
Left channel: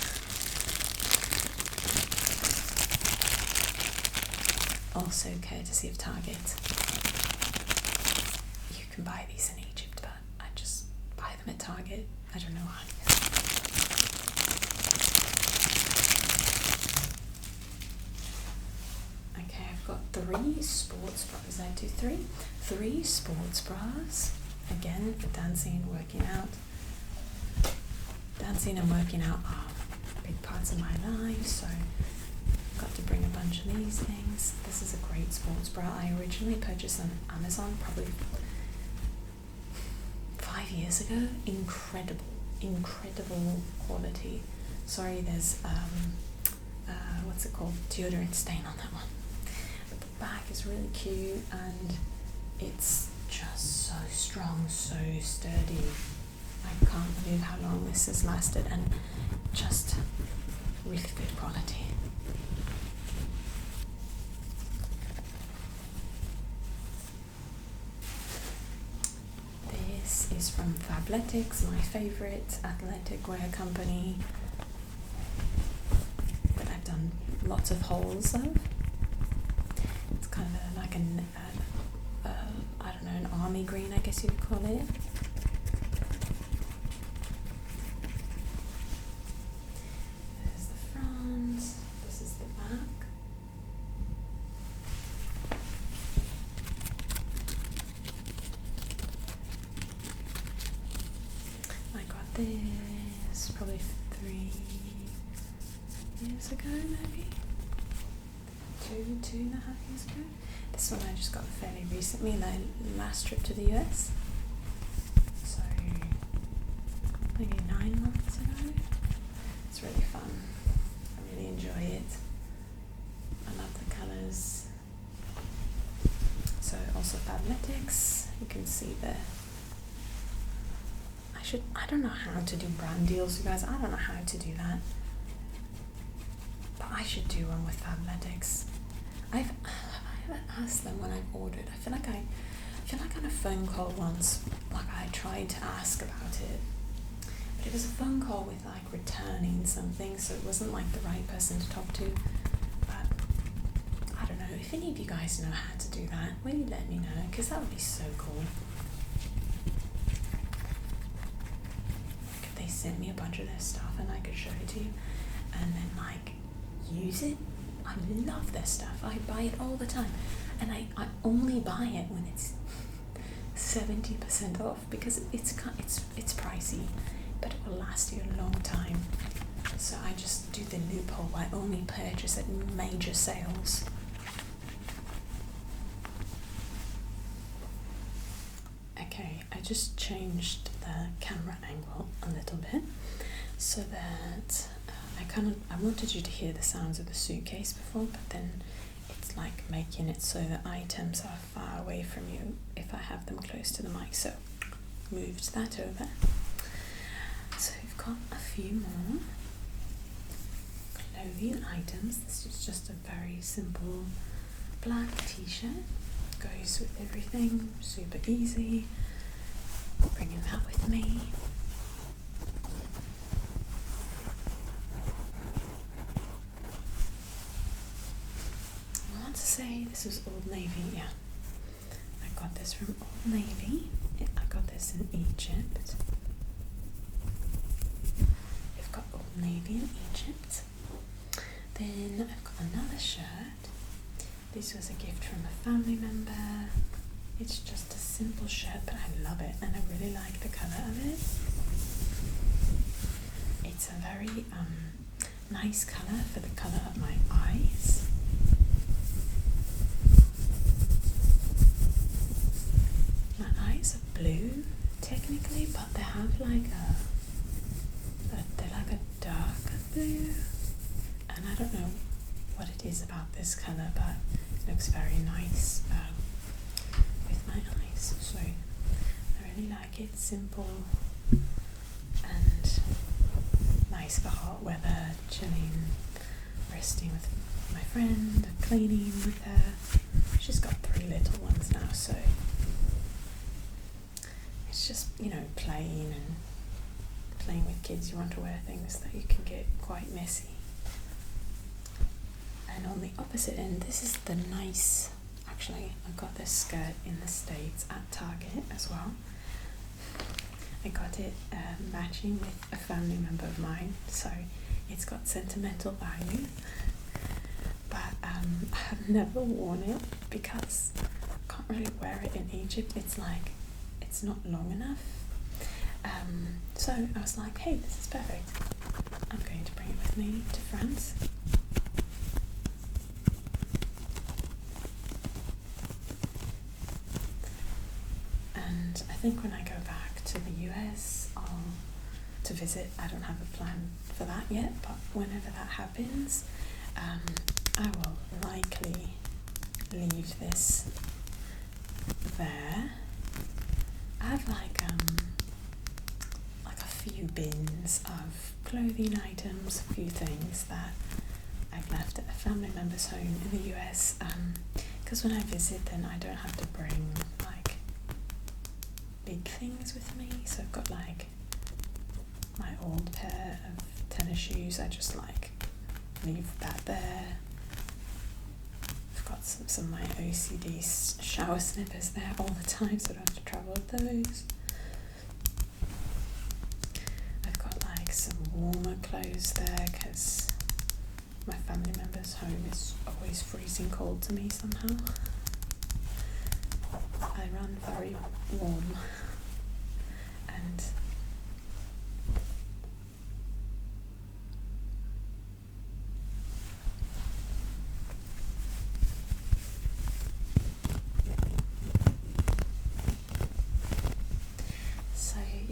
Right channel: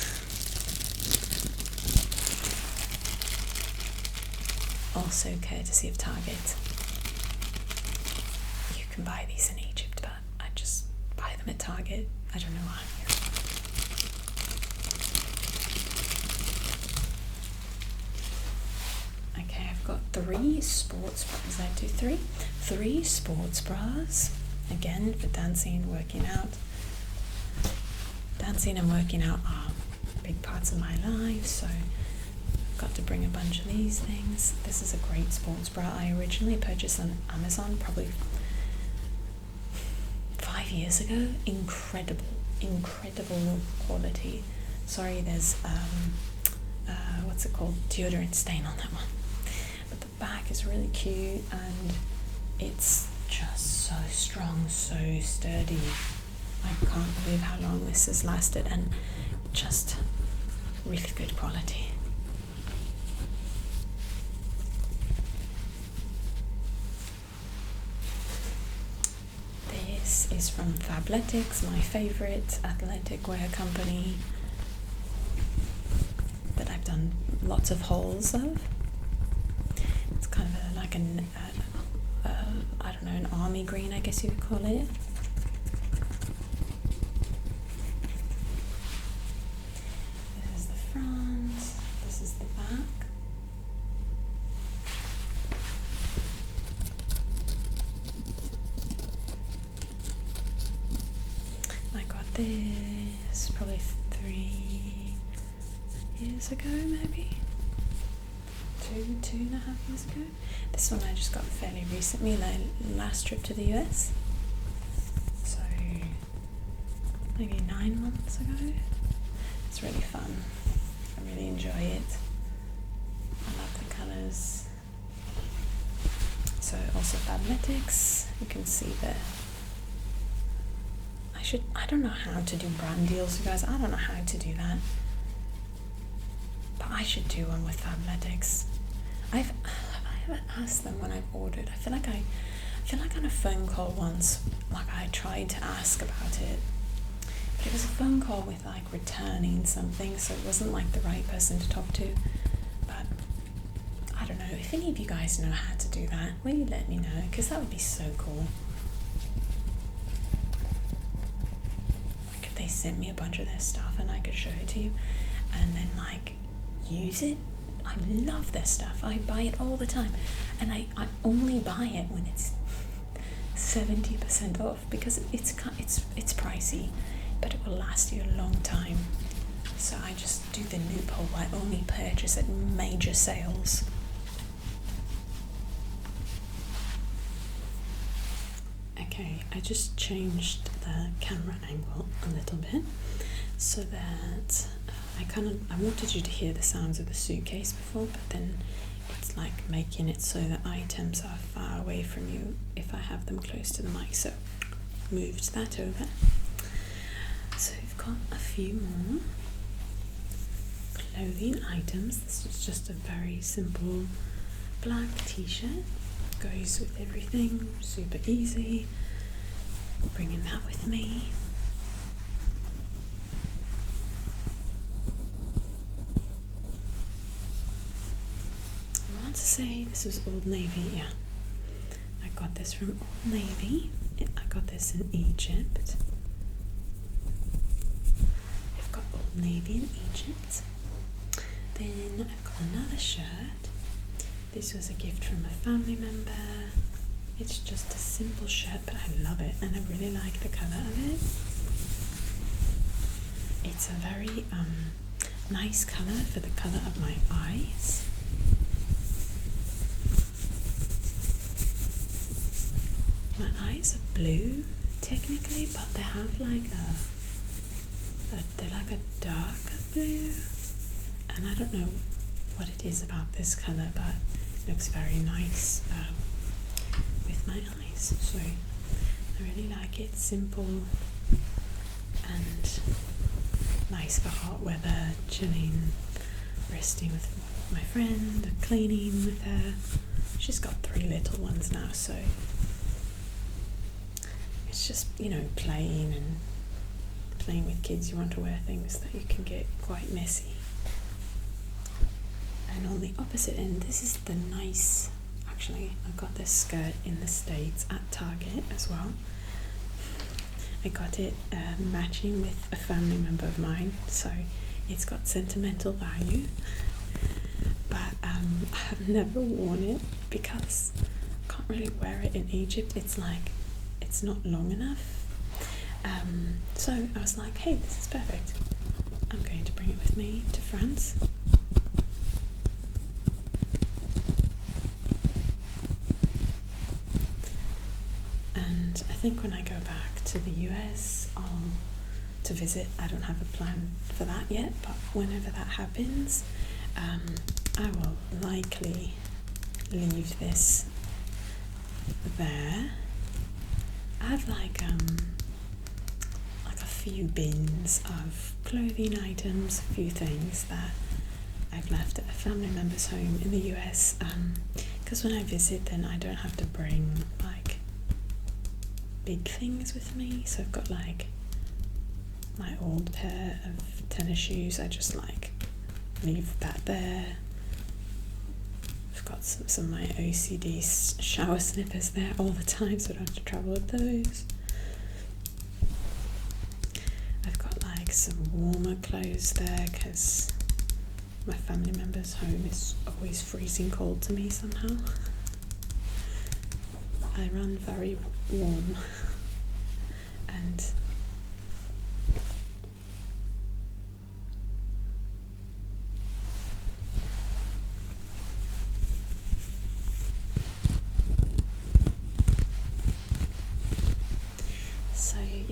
Also courtesy of Target. You can buy these in Egypt, but I just buy them at Target. I don't know why. Okay, I've got 3 sports bras. I do 3. 3 sports bras. Again, for dancing and working out. Dancing and working out are big parts of my life, so got to bring a bunch of these things. This is a great sports bra. I originally purchased on Amazon probably 5 years ago. Incredible quality. Sorry, there's what's it called? Deodorant stain on that one. But the back is really cute, and it's just so strong, so sturdy. I can't believe how long this has lasted, and just really good quality. This is from Fabletics, my favorite athletic wear company that I've done lots of hauls of. It's kind of like an I don't know, an army green, I guess you could call it. this probably 3 years ago, maybe 2.5 years ago. This one I just got fairly recently, like last trip to the US, so maybe 9 months ago. It's really fun. I really enjoy it. I love the colours. So also Fabletics, you can see there. I don't know how to do brand deals, you guys. I don't know how to do that. But I should do one with Fabletics. I haven't asked them when I've ordered. I feel like on a phone call once, like I tried to ask about it. But it was a phone call with like returning something, so it wasn't like the right person to talk to. But I don't know, if any of you guys know how to do that, will you let me know? Because that would be so cool. Like if they sent me a bunch of their stuff and I could show it to you and then like use it. I love their stuff. I buy it all the time. And I only buy it when it's 70% off because it's pricey, but it will last you a long time. So I just do the loophole. I only purchase at major sales. Okay, I just changed the camera angle a little bit so that I wanted you to hear the sounds of the suitcase before, but then it's like making it so that items are far away from you if I have them close to the mic. So moved that over. So we've got a few more clothing items. This is just a very simple black t-shirt. Goes with everything, super easy. Bringing that with me. I want to say this was Old Navy, yeah. I got this from Old Navy. I got this in Egypt. I've got Old Navy in Egypt. Then I've got another shirt. This was a gift from a family member. It's just a simple shirt, but I love it and I really like the colour of it. It's a very nice colour for the colour of my eyes. My eyes are blue technically, but they have like they're like a darker blue, and I don't know what it is about this colour, but it looks very nice with my eyes. So I really like it. Simple and nice for hot weather, chilling, resting with my friend, cleaning with her. She's got 3 little ones now, so it's just, you know, playing with kids. You want to wear things that you can get quite messy. And on the opposite end, this is the nice, actually I got this skirt in the States at Target as well. I got it matching with a family member of mine, so it's got sentimental value, but I have never worn it because I can't really wear it in Egypt. It's like, it's not long enough. So I was like, hey, this is perfect. I'm going to bring it with me to France. And I think when I go back to the US, to visit, I don't have a plan for that yet, but whenever that happens, I will likely leave this there. I have like a few bins of clothing items, a few things that I've left at a family member's home in the US, because when I visit then I don't have to bring like big things with me. So I've got like my old pair of tennis shoes, I just like leave that there. I've got some of my OCD shower slippers there all the time, so I don't have to travel with those. I've got like some warmer clothes there because my family member's home is always freezing cold to me somehow. I run very warm, and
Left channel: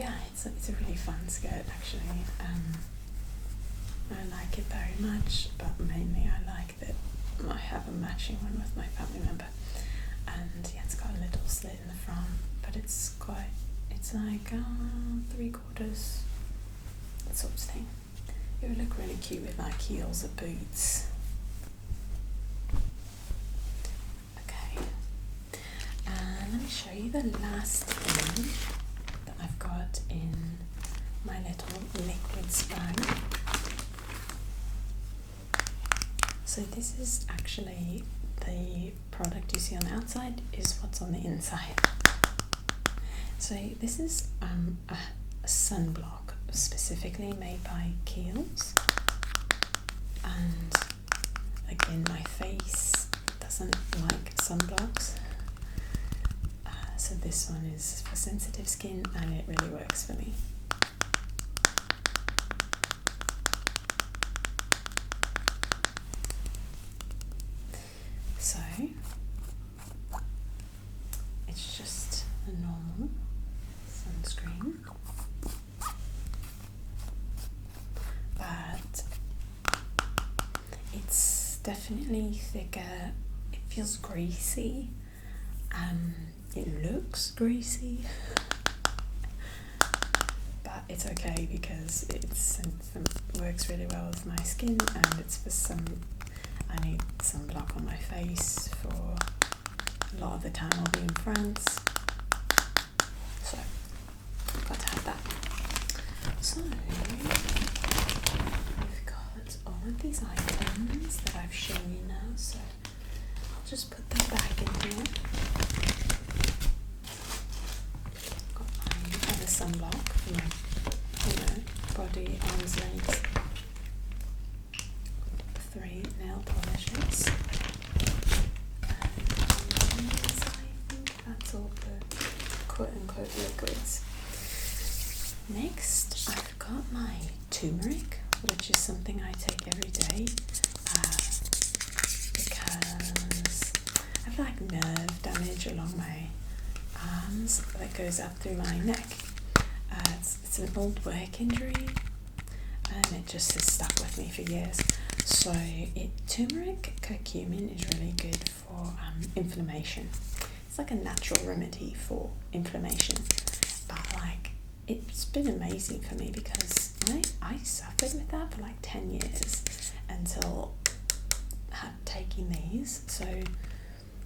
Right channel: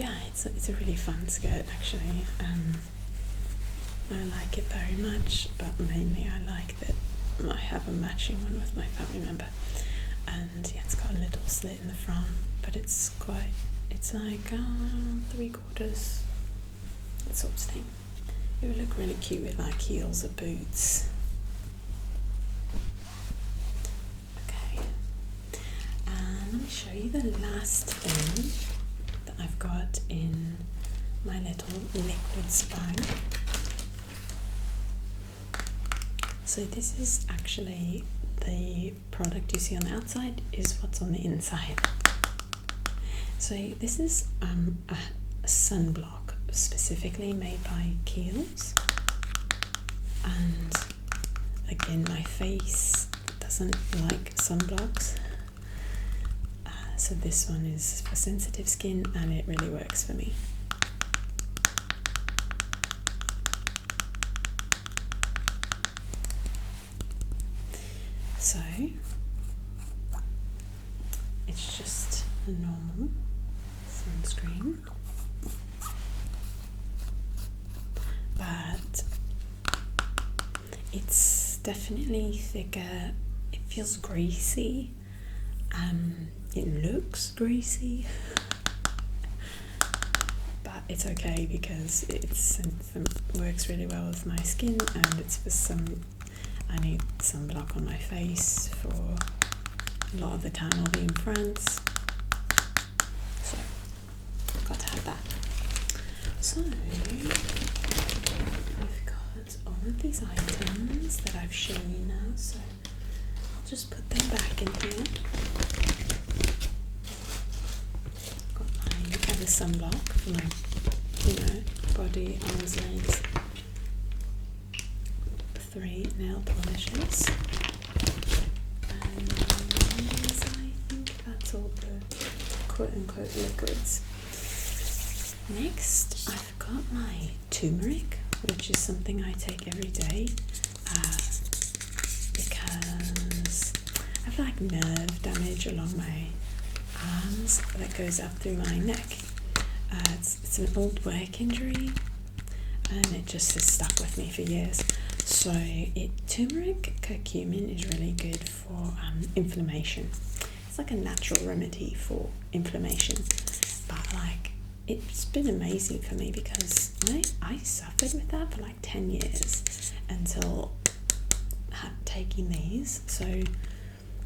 yeah, it's a really fun skirt actually. I like it very much, but mainly I like that I have a matching one with my family member, and yeah, it's got a little slit in the front, but it's like 3/4, that sort of thing. It would look really cute with like heels or boots. Okay, and let me show you the last thing that I've got in my little liquids bag. So this is actually the product you see on the outside is what's on the inside. So this is a sunblock specifically made by Kiehl's, and again my face doesn't like sunblocks, so this one is for sensitive skin and it really works for me. So it's just a normal sunscreen, but it's definitely thicker. It feels greasy. It looks greasy, but it's okay because it works really well with my skin, and it's for I need sunblock on my face for a lot of the time I'll be in France, so I've got to have that. So we've got all of these items that I've shown you now, so I'll just put them back in here. Got my other sunblock for my body, arms, legs. 3 nail polishes, and I think that's all the quote-unquote liquids. Next, I've got my turmeric, which is something I take every day because I've like nerve damage along my arms that goes up through my neck. It's an old work injury, and it just has stuck with me for years. So turmeric curcumin is really good for inflammation. It's like a natural remedy for inflammation, but like it's been amazing for me because I suffered with that for like 10 years until taking these. So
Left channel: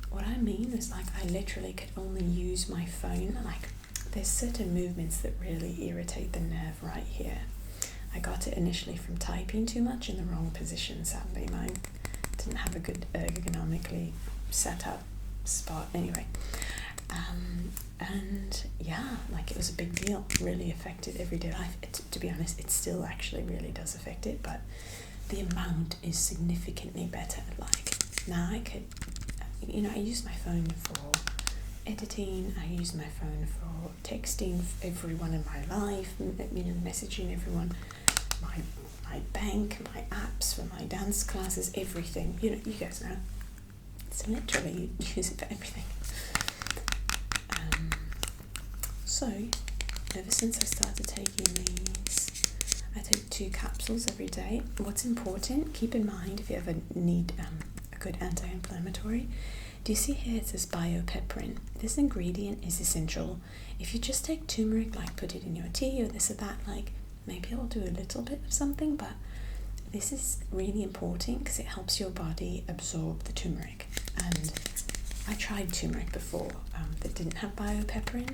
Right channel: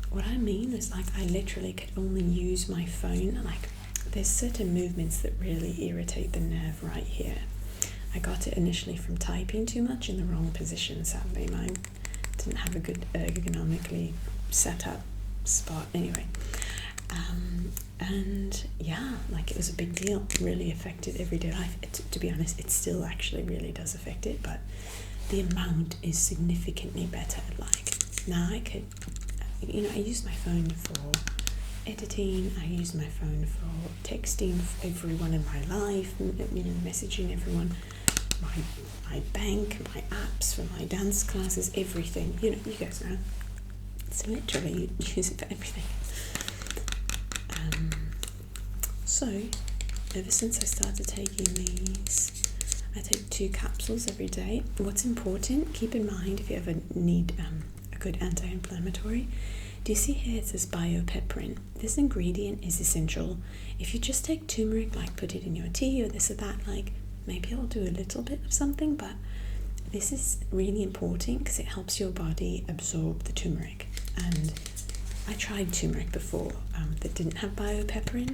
what I mean is like I literally could only use my phone. Like there's certain movements that really irritate the nerve right here. I got it initially from typing too much in the wrong position. Sadly, mine didn't have a good ergonomically set up spot anyway. And yeah, like it was a big deal. Really affected everyday life. To be honest, it still actually really does affect it, but the amount is significantly better. Like now I could, I use my phone for editing. I use my phone for texting everyone in my life, messaging everyone. My bank, my apps for my dance classes, everything. You guys know. So literally you use it for everything. So ever since I started taking these, I take 2 capsules every day. What's important, keep in mind if you ever need a good anti-inflammatory, do you see here it says biopeperin? This ingredient is essential. If you just take turmeric, like put it in your tea or this or that, like maybe it'll do a little bit of something, but this is really important because it helps your body absorb the turmeric. And I tried turmeric before that didn't have biopeperin,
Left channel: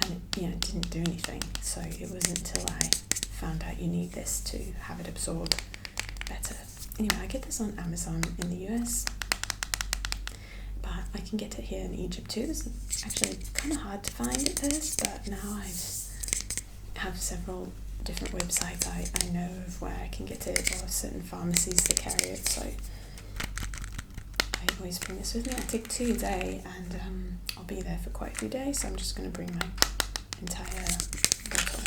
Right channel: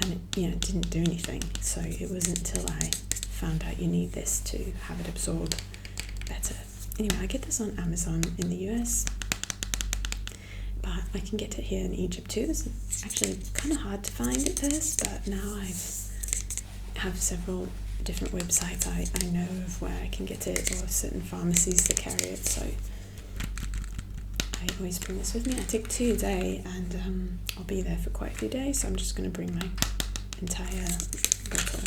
and it didn't do anything. So it wasn't until I found out you need this to have it absorb better. Anyway, I get this on Amazon in the US, but I can get it here in Egypt too. It's actually kind of hard to find at first, but now I have several different websites I know of where I can get it, or certain pharmacies that carry it. So I always bring this with me. I take 2 a day, and I'll be there for quite a few days, so I'm just going to bring my entire bottle.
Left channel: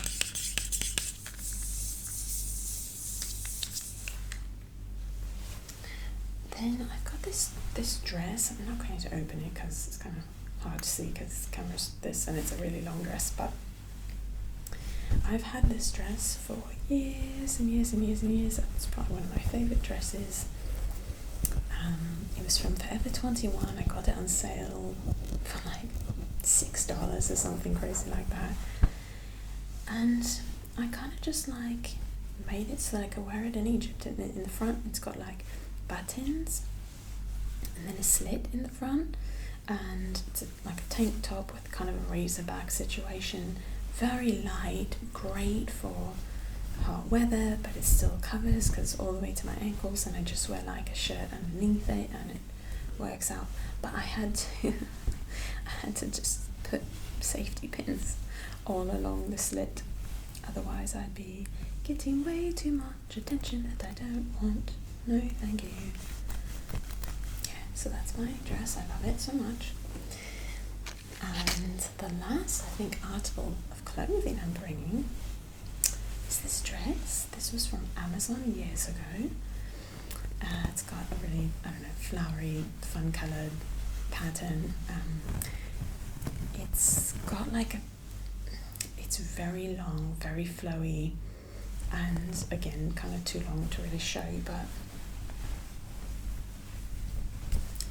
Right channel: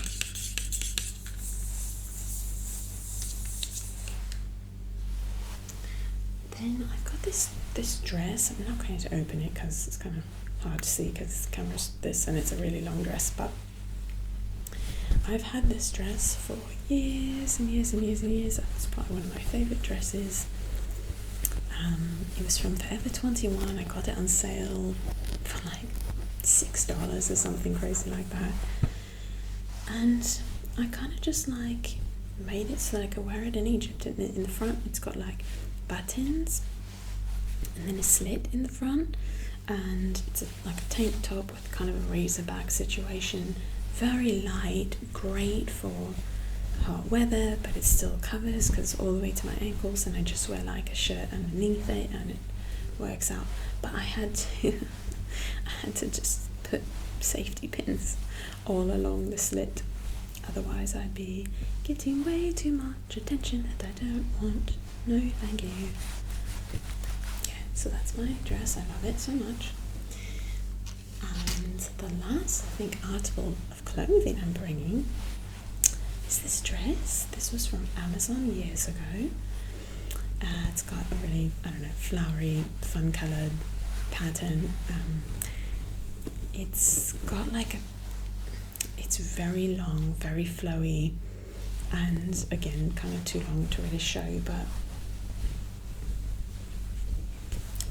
Then I've got this dress. I'm not going to open it because it's kind of hard to see because the camera's this and it's a really long dress, but I've had this dress for years and years and years and years. It's probably one of my favourite dresses. It was from Forever 21. I got it on sale for like $6 or something crazy like that. And I kind of just like made it so that I could wear it in Egypt. In the front, it's got like buttons and then a slit in the front, and it's like a tank top with kind of a razor back situation. Very light, great for hot weather, but it still covers because all the way to my ankles, and I just wear like a shirt underneath it and it works out. But I had to just put safety pins all along the slit, otherwise I'd be getting way too much attention that I don't want. No thank you. Yeah, so that's my dress. I love it so much. And the last, I think, article of clothing I'm bringing is this dress. This was from Amazon years ago. It's got a really, I don't know, flowery, fun coloured pattern. It's got like it's very long, very flowy, and again, kind of too long to really show, but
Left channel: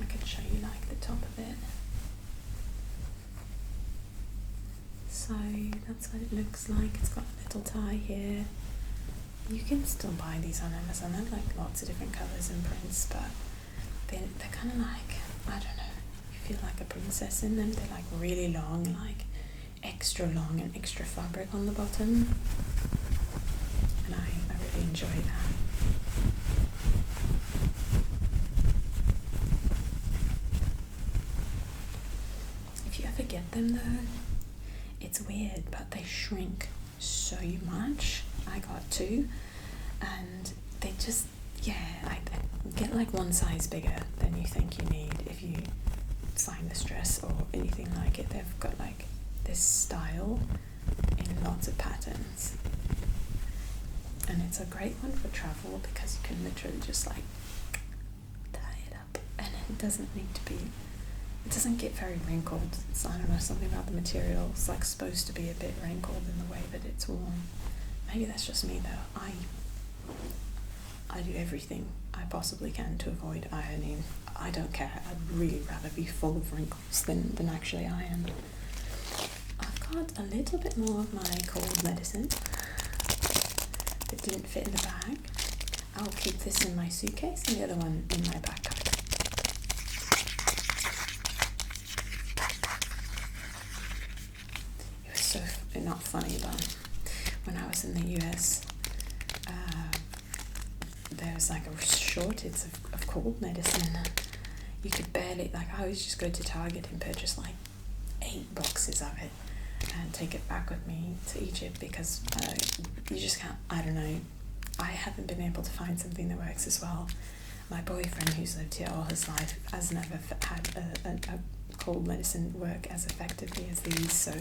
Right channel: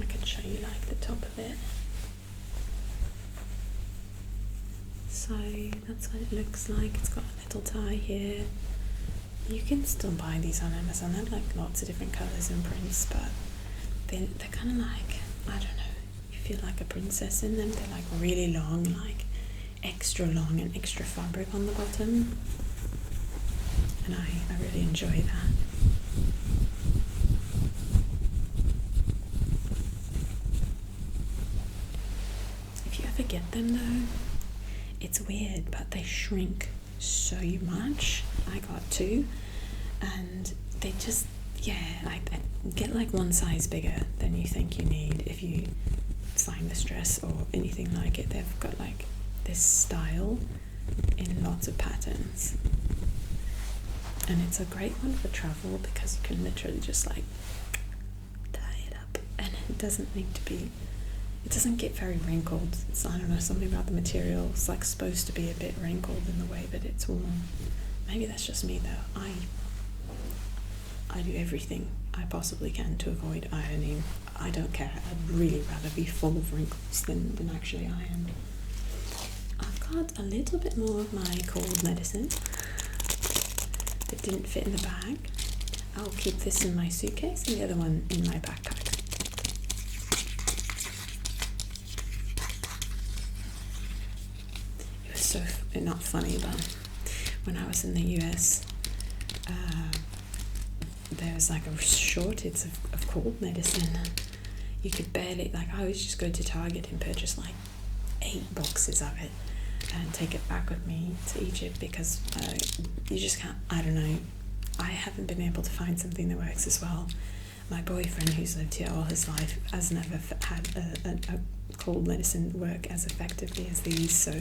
I could show you like the top of it. So that's what it looks like. It's got a little tie here. You can still buy these on Amazon. They're like lots of different colours and prints, but they're kind of like, I don't know, you feel like a princess in them. They're like really long, like extra long and extra fabric on the bottom. And I really enjoy that. If you ever get them though, it's weird, but they shrink so much. I got two, and they just, I get like one size bigger than you think you need if you find this dress or anything like it. They've got like this style in lots of patterns, and it's a great one for travel because you can literally just like tie it up, and it doesn't need to be, it doesn't get very wrinkled. It's, I don't know, something about the material. It's like supposed to be a bit wrinkled in the way that it's worn. Maybe that's just me though. I do everything I possibly can to avoid ironing. I don't care. I'd really rather be full of wrinkles than actually iron. I've got a little bit more of my cold medicine that didn't fit in the bag. I'll keep this in my suitcase and the other one in my backpack. It was so not funny, but when I was in the US, there was like a shortage of cold medicine. You could barely, like, I would just go to Target and purchase like 8 boxes of it and take it back with me to Egypt because you just can't, I don't know, I haven't been able to find something that works as well. My boyfriend, who's lived here all his life, has never had a cold medicine work as effectively as these, so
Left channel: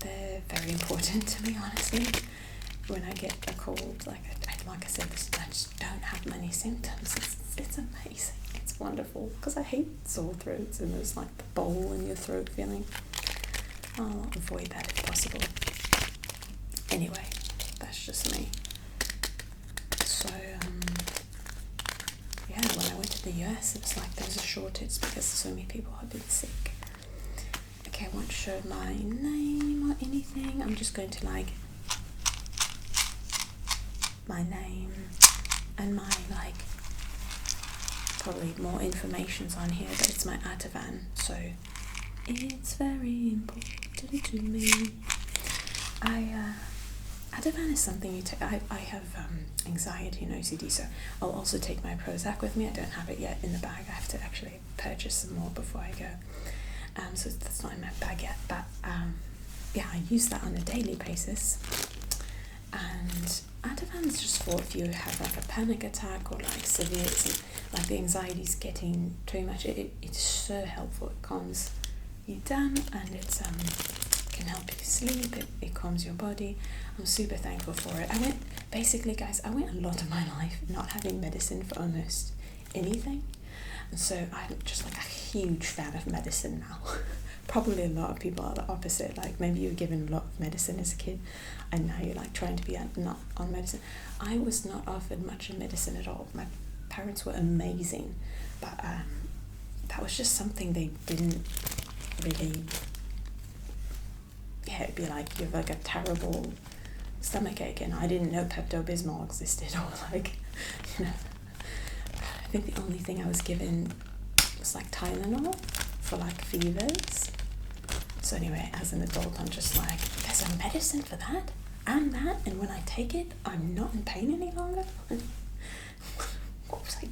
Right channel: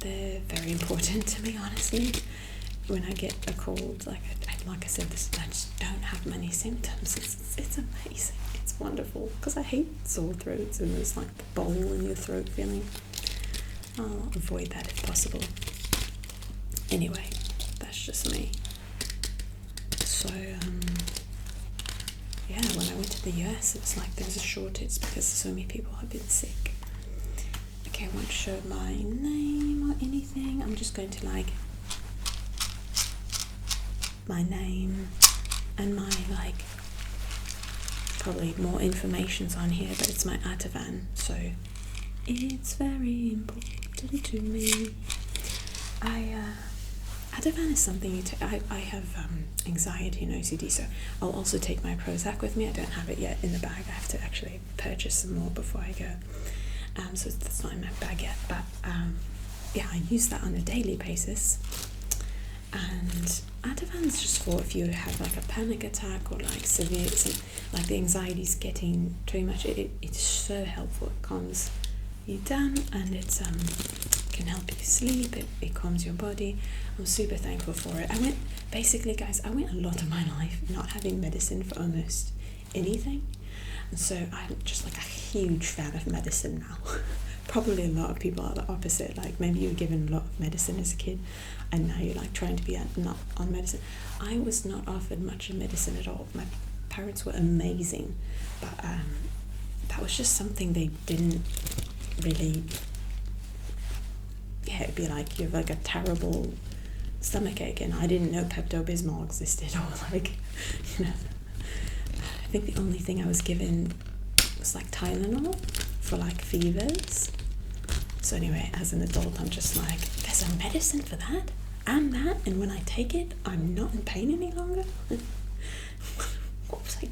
they're very important to me, honestly. When I get a cold, like I said, I just don't have many symptoms. It's amazing. It's wonderful because I hate sore throats and there's like the bowl in your throat feeling. I'll avoid that if possible. Anyway, that's just me. So when I went to the US, it was like there was a shortage because so many people had been sick. Okay, I won't show my name or anything. I'm just going to like my name and my like probably more information's on here, but it's my Ativan, so it's very important to me. Ativan is something you take. I have anxiety and OCD, so I'll also take my Prozac with me. I don't have it yet in the bag. I have to actually purchase some more before I go. So that's not in my bag yet, but I use that on a daily basis. And Ativan is just for if you have like a panic attack or like severe, like the anxiety's getting too much. It's so helpful. It calms you down and it's can help you sleep. It calms your body. I'm super thankful for it. I went a lot of my life not having medicine for almost anything, and so I'm just like a huge fan of medicine now. probably a lot of people are the opposite. Like maybe you were given a lot of medicine as a kid and now you're like trying to be not on medicine. I was not offered much of medicine at all. My parents were amazing, but that was just something they didn't really. Yeah, it'd be like you have like a terrible stomachache and I didn't know Pepto-Bismol existed, or like, you know, I think the only thing I was given was like Tylenol for like fevers. So anyway, as an adult, I'm just like, there's a medicine for that and that, and when I take it, I'm not in pain any longer. What was I?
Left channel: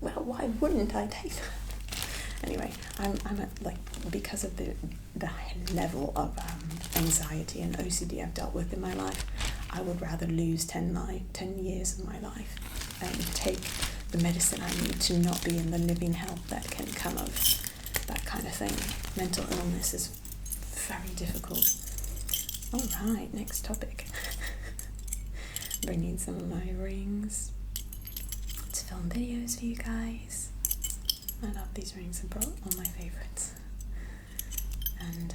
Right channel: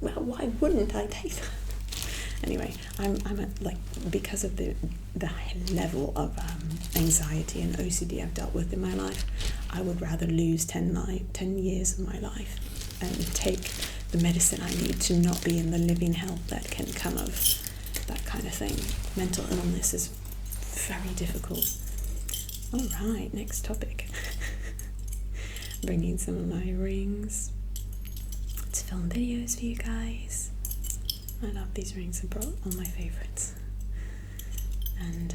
Well, why wouldn't I take that? Anyway, I'm at, like, because of the level of anxiety and OCD I've dealt with in my life, I would rather lose 10 years of my life and take the medicine I need to not be in the living hell that can come of that kind of thing. Mental illness is very difficult. All right, next topic. Bringing some of my rings to film videos for you guys. I love these rings, they're all my favourites. And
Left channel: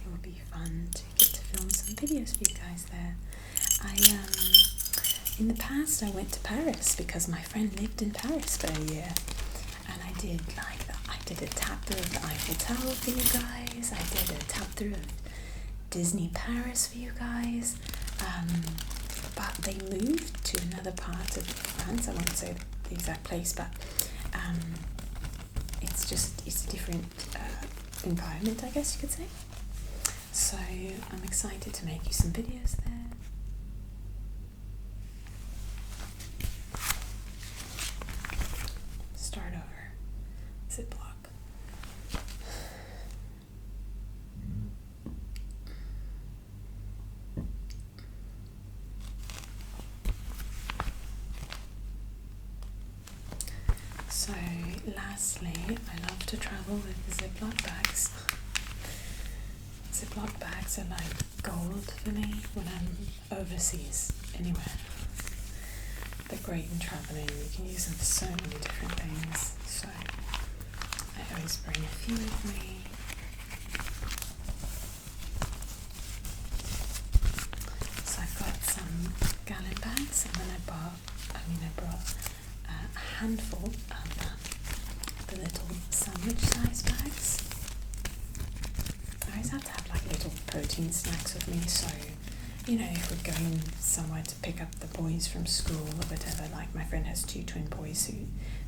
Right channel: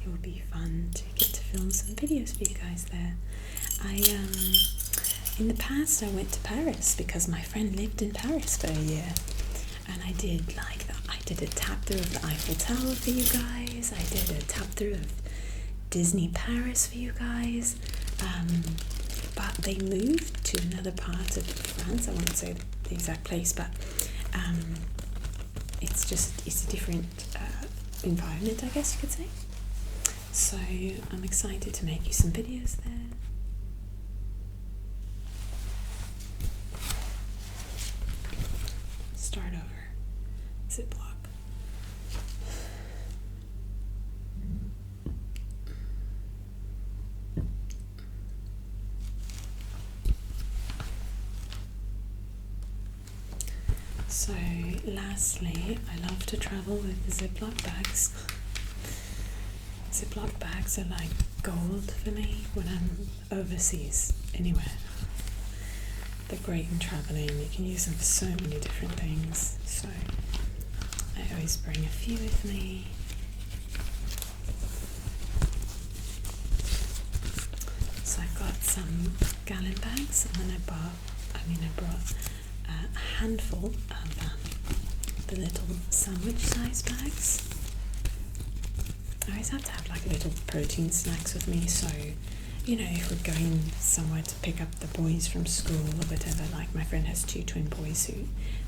it will be fun to get to film some videos for you guys there. In the past I went to Paris because my friend lived in Paris for a year. And I did a tap through of the Eiffel Tower for you guys. I did a tap through of Disney Paris for you guys. But they moved to another part of France. I won't say the exact place, but it's a different environment, I guess you could say. So I'm excited to make you some videos there. Start over. Ziploc. So lastly, I love to travel with the Ziploc bags. Ziploc bags are like gold for me when I'm overseas, anywhere. They're great in traveling. You can use them for so many different things. So I always bring a few with me. So I've got some gallon bags, and then I brought a handful of the little sandwich size bags. I always have to have like little protein snacks with me, so you know, if we're going somewhere to pick up the boys from school or whatever, like my friend has 2 twin boys who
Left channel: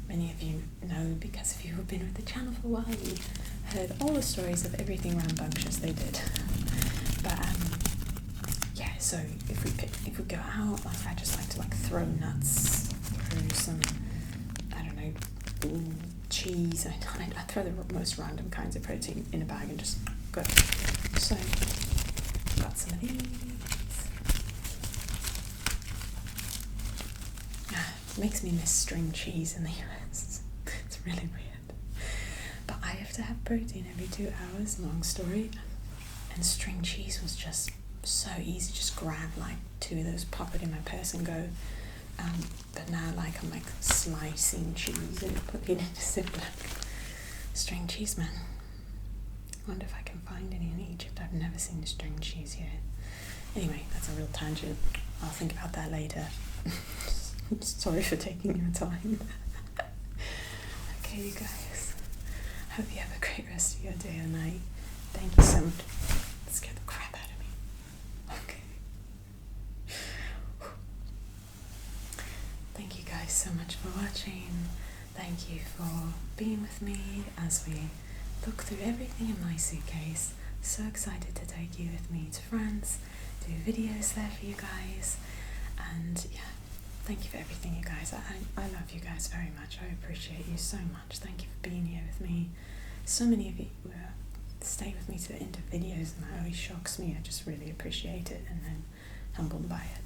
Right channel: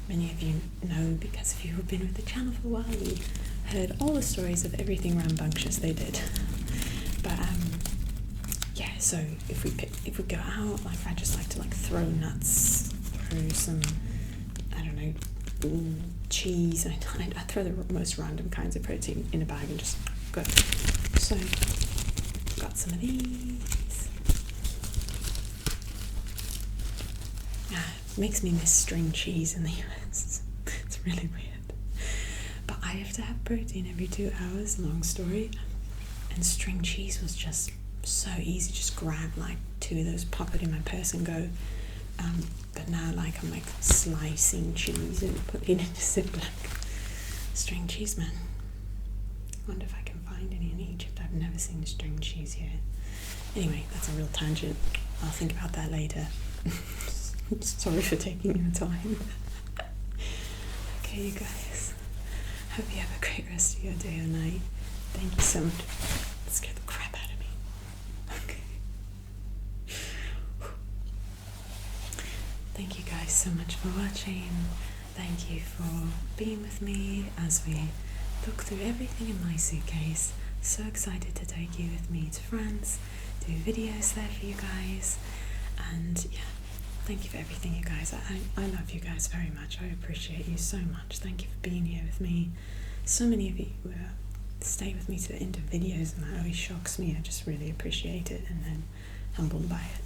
many of you know because if you've been with the channel for a while, you heard all the stories of everything rambunctious they did. But yeah, so if we go out, like I just like to like throw nuts, throw some, I don't know, cheese. I throw the most random kinds of protein in a bag and just go. So got some of these. It makes me miss string cheese in the US. It's really weird. But I have to have protein every 2 hours, long story. And string cheese was just so easy. Just grab like 2 of those, pop it in my purse and go. But now like I'm like slicing cheese and putting it in a Ziploc. String cheese, man. I wonder if I can find any in Egypt. I've never seen string cheese here. Anyway, that's a real tangent. I'll think about that later. Sorry for taking your time. Okay, you guys. Hope you have a great rest of your day or night. Thank you so much. That scared the crap out of me. Okay. Thank you guys so much for watching. Thank you for being with me as we look through everything in my suitcase. So excited to take you with me to France, do videos there for you guys, and yeah, thank you for everything, you guys. I love you guys very much. I appreciate you so much. Thank you for being here with me. So many of you stay with me to the end of videos, and that always shocks me. I just really appreciate it and then humbled by it.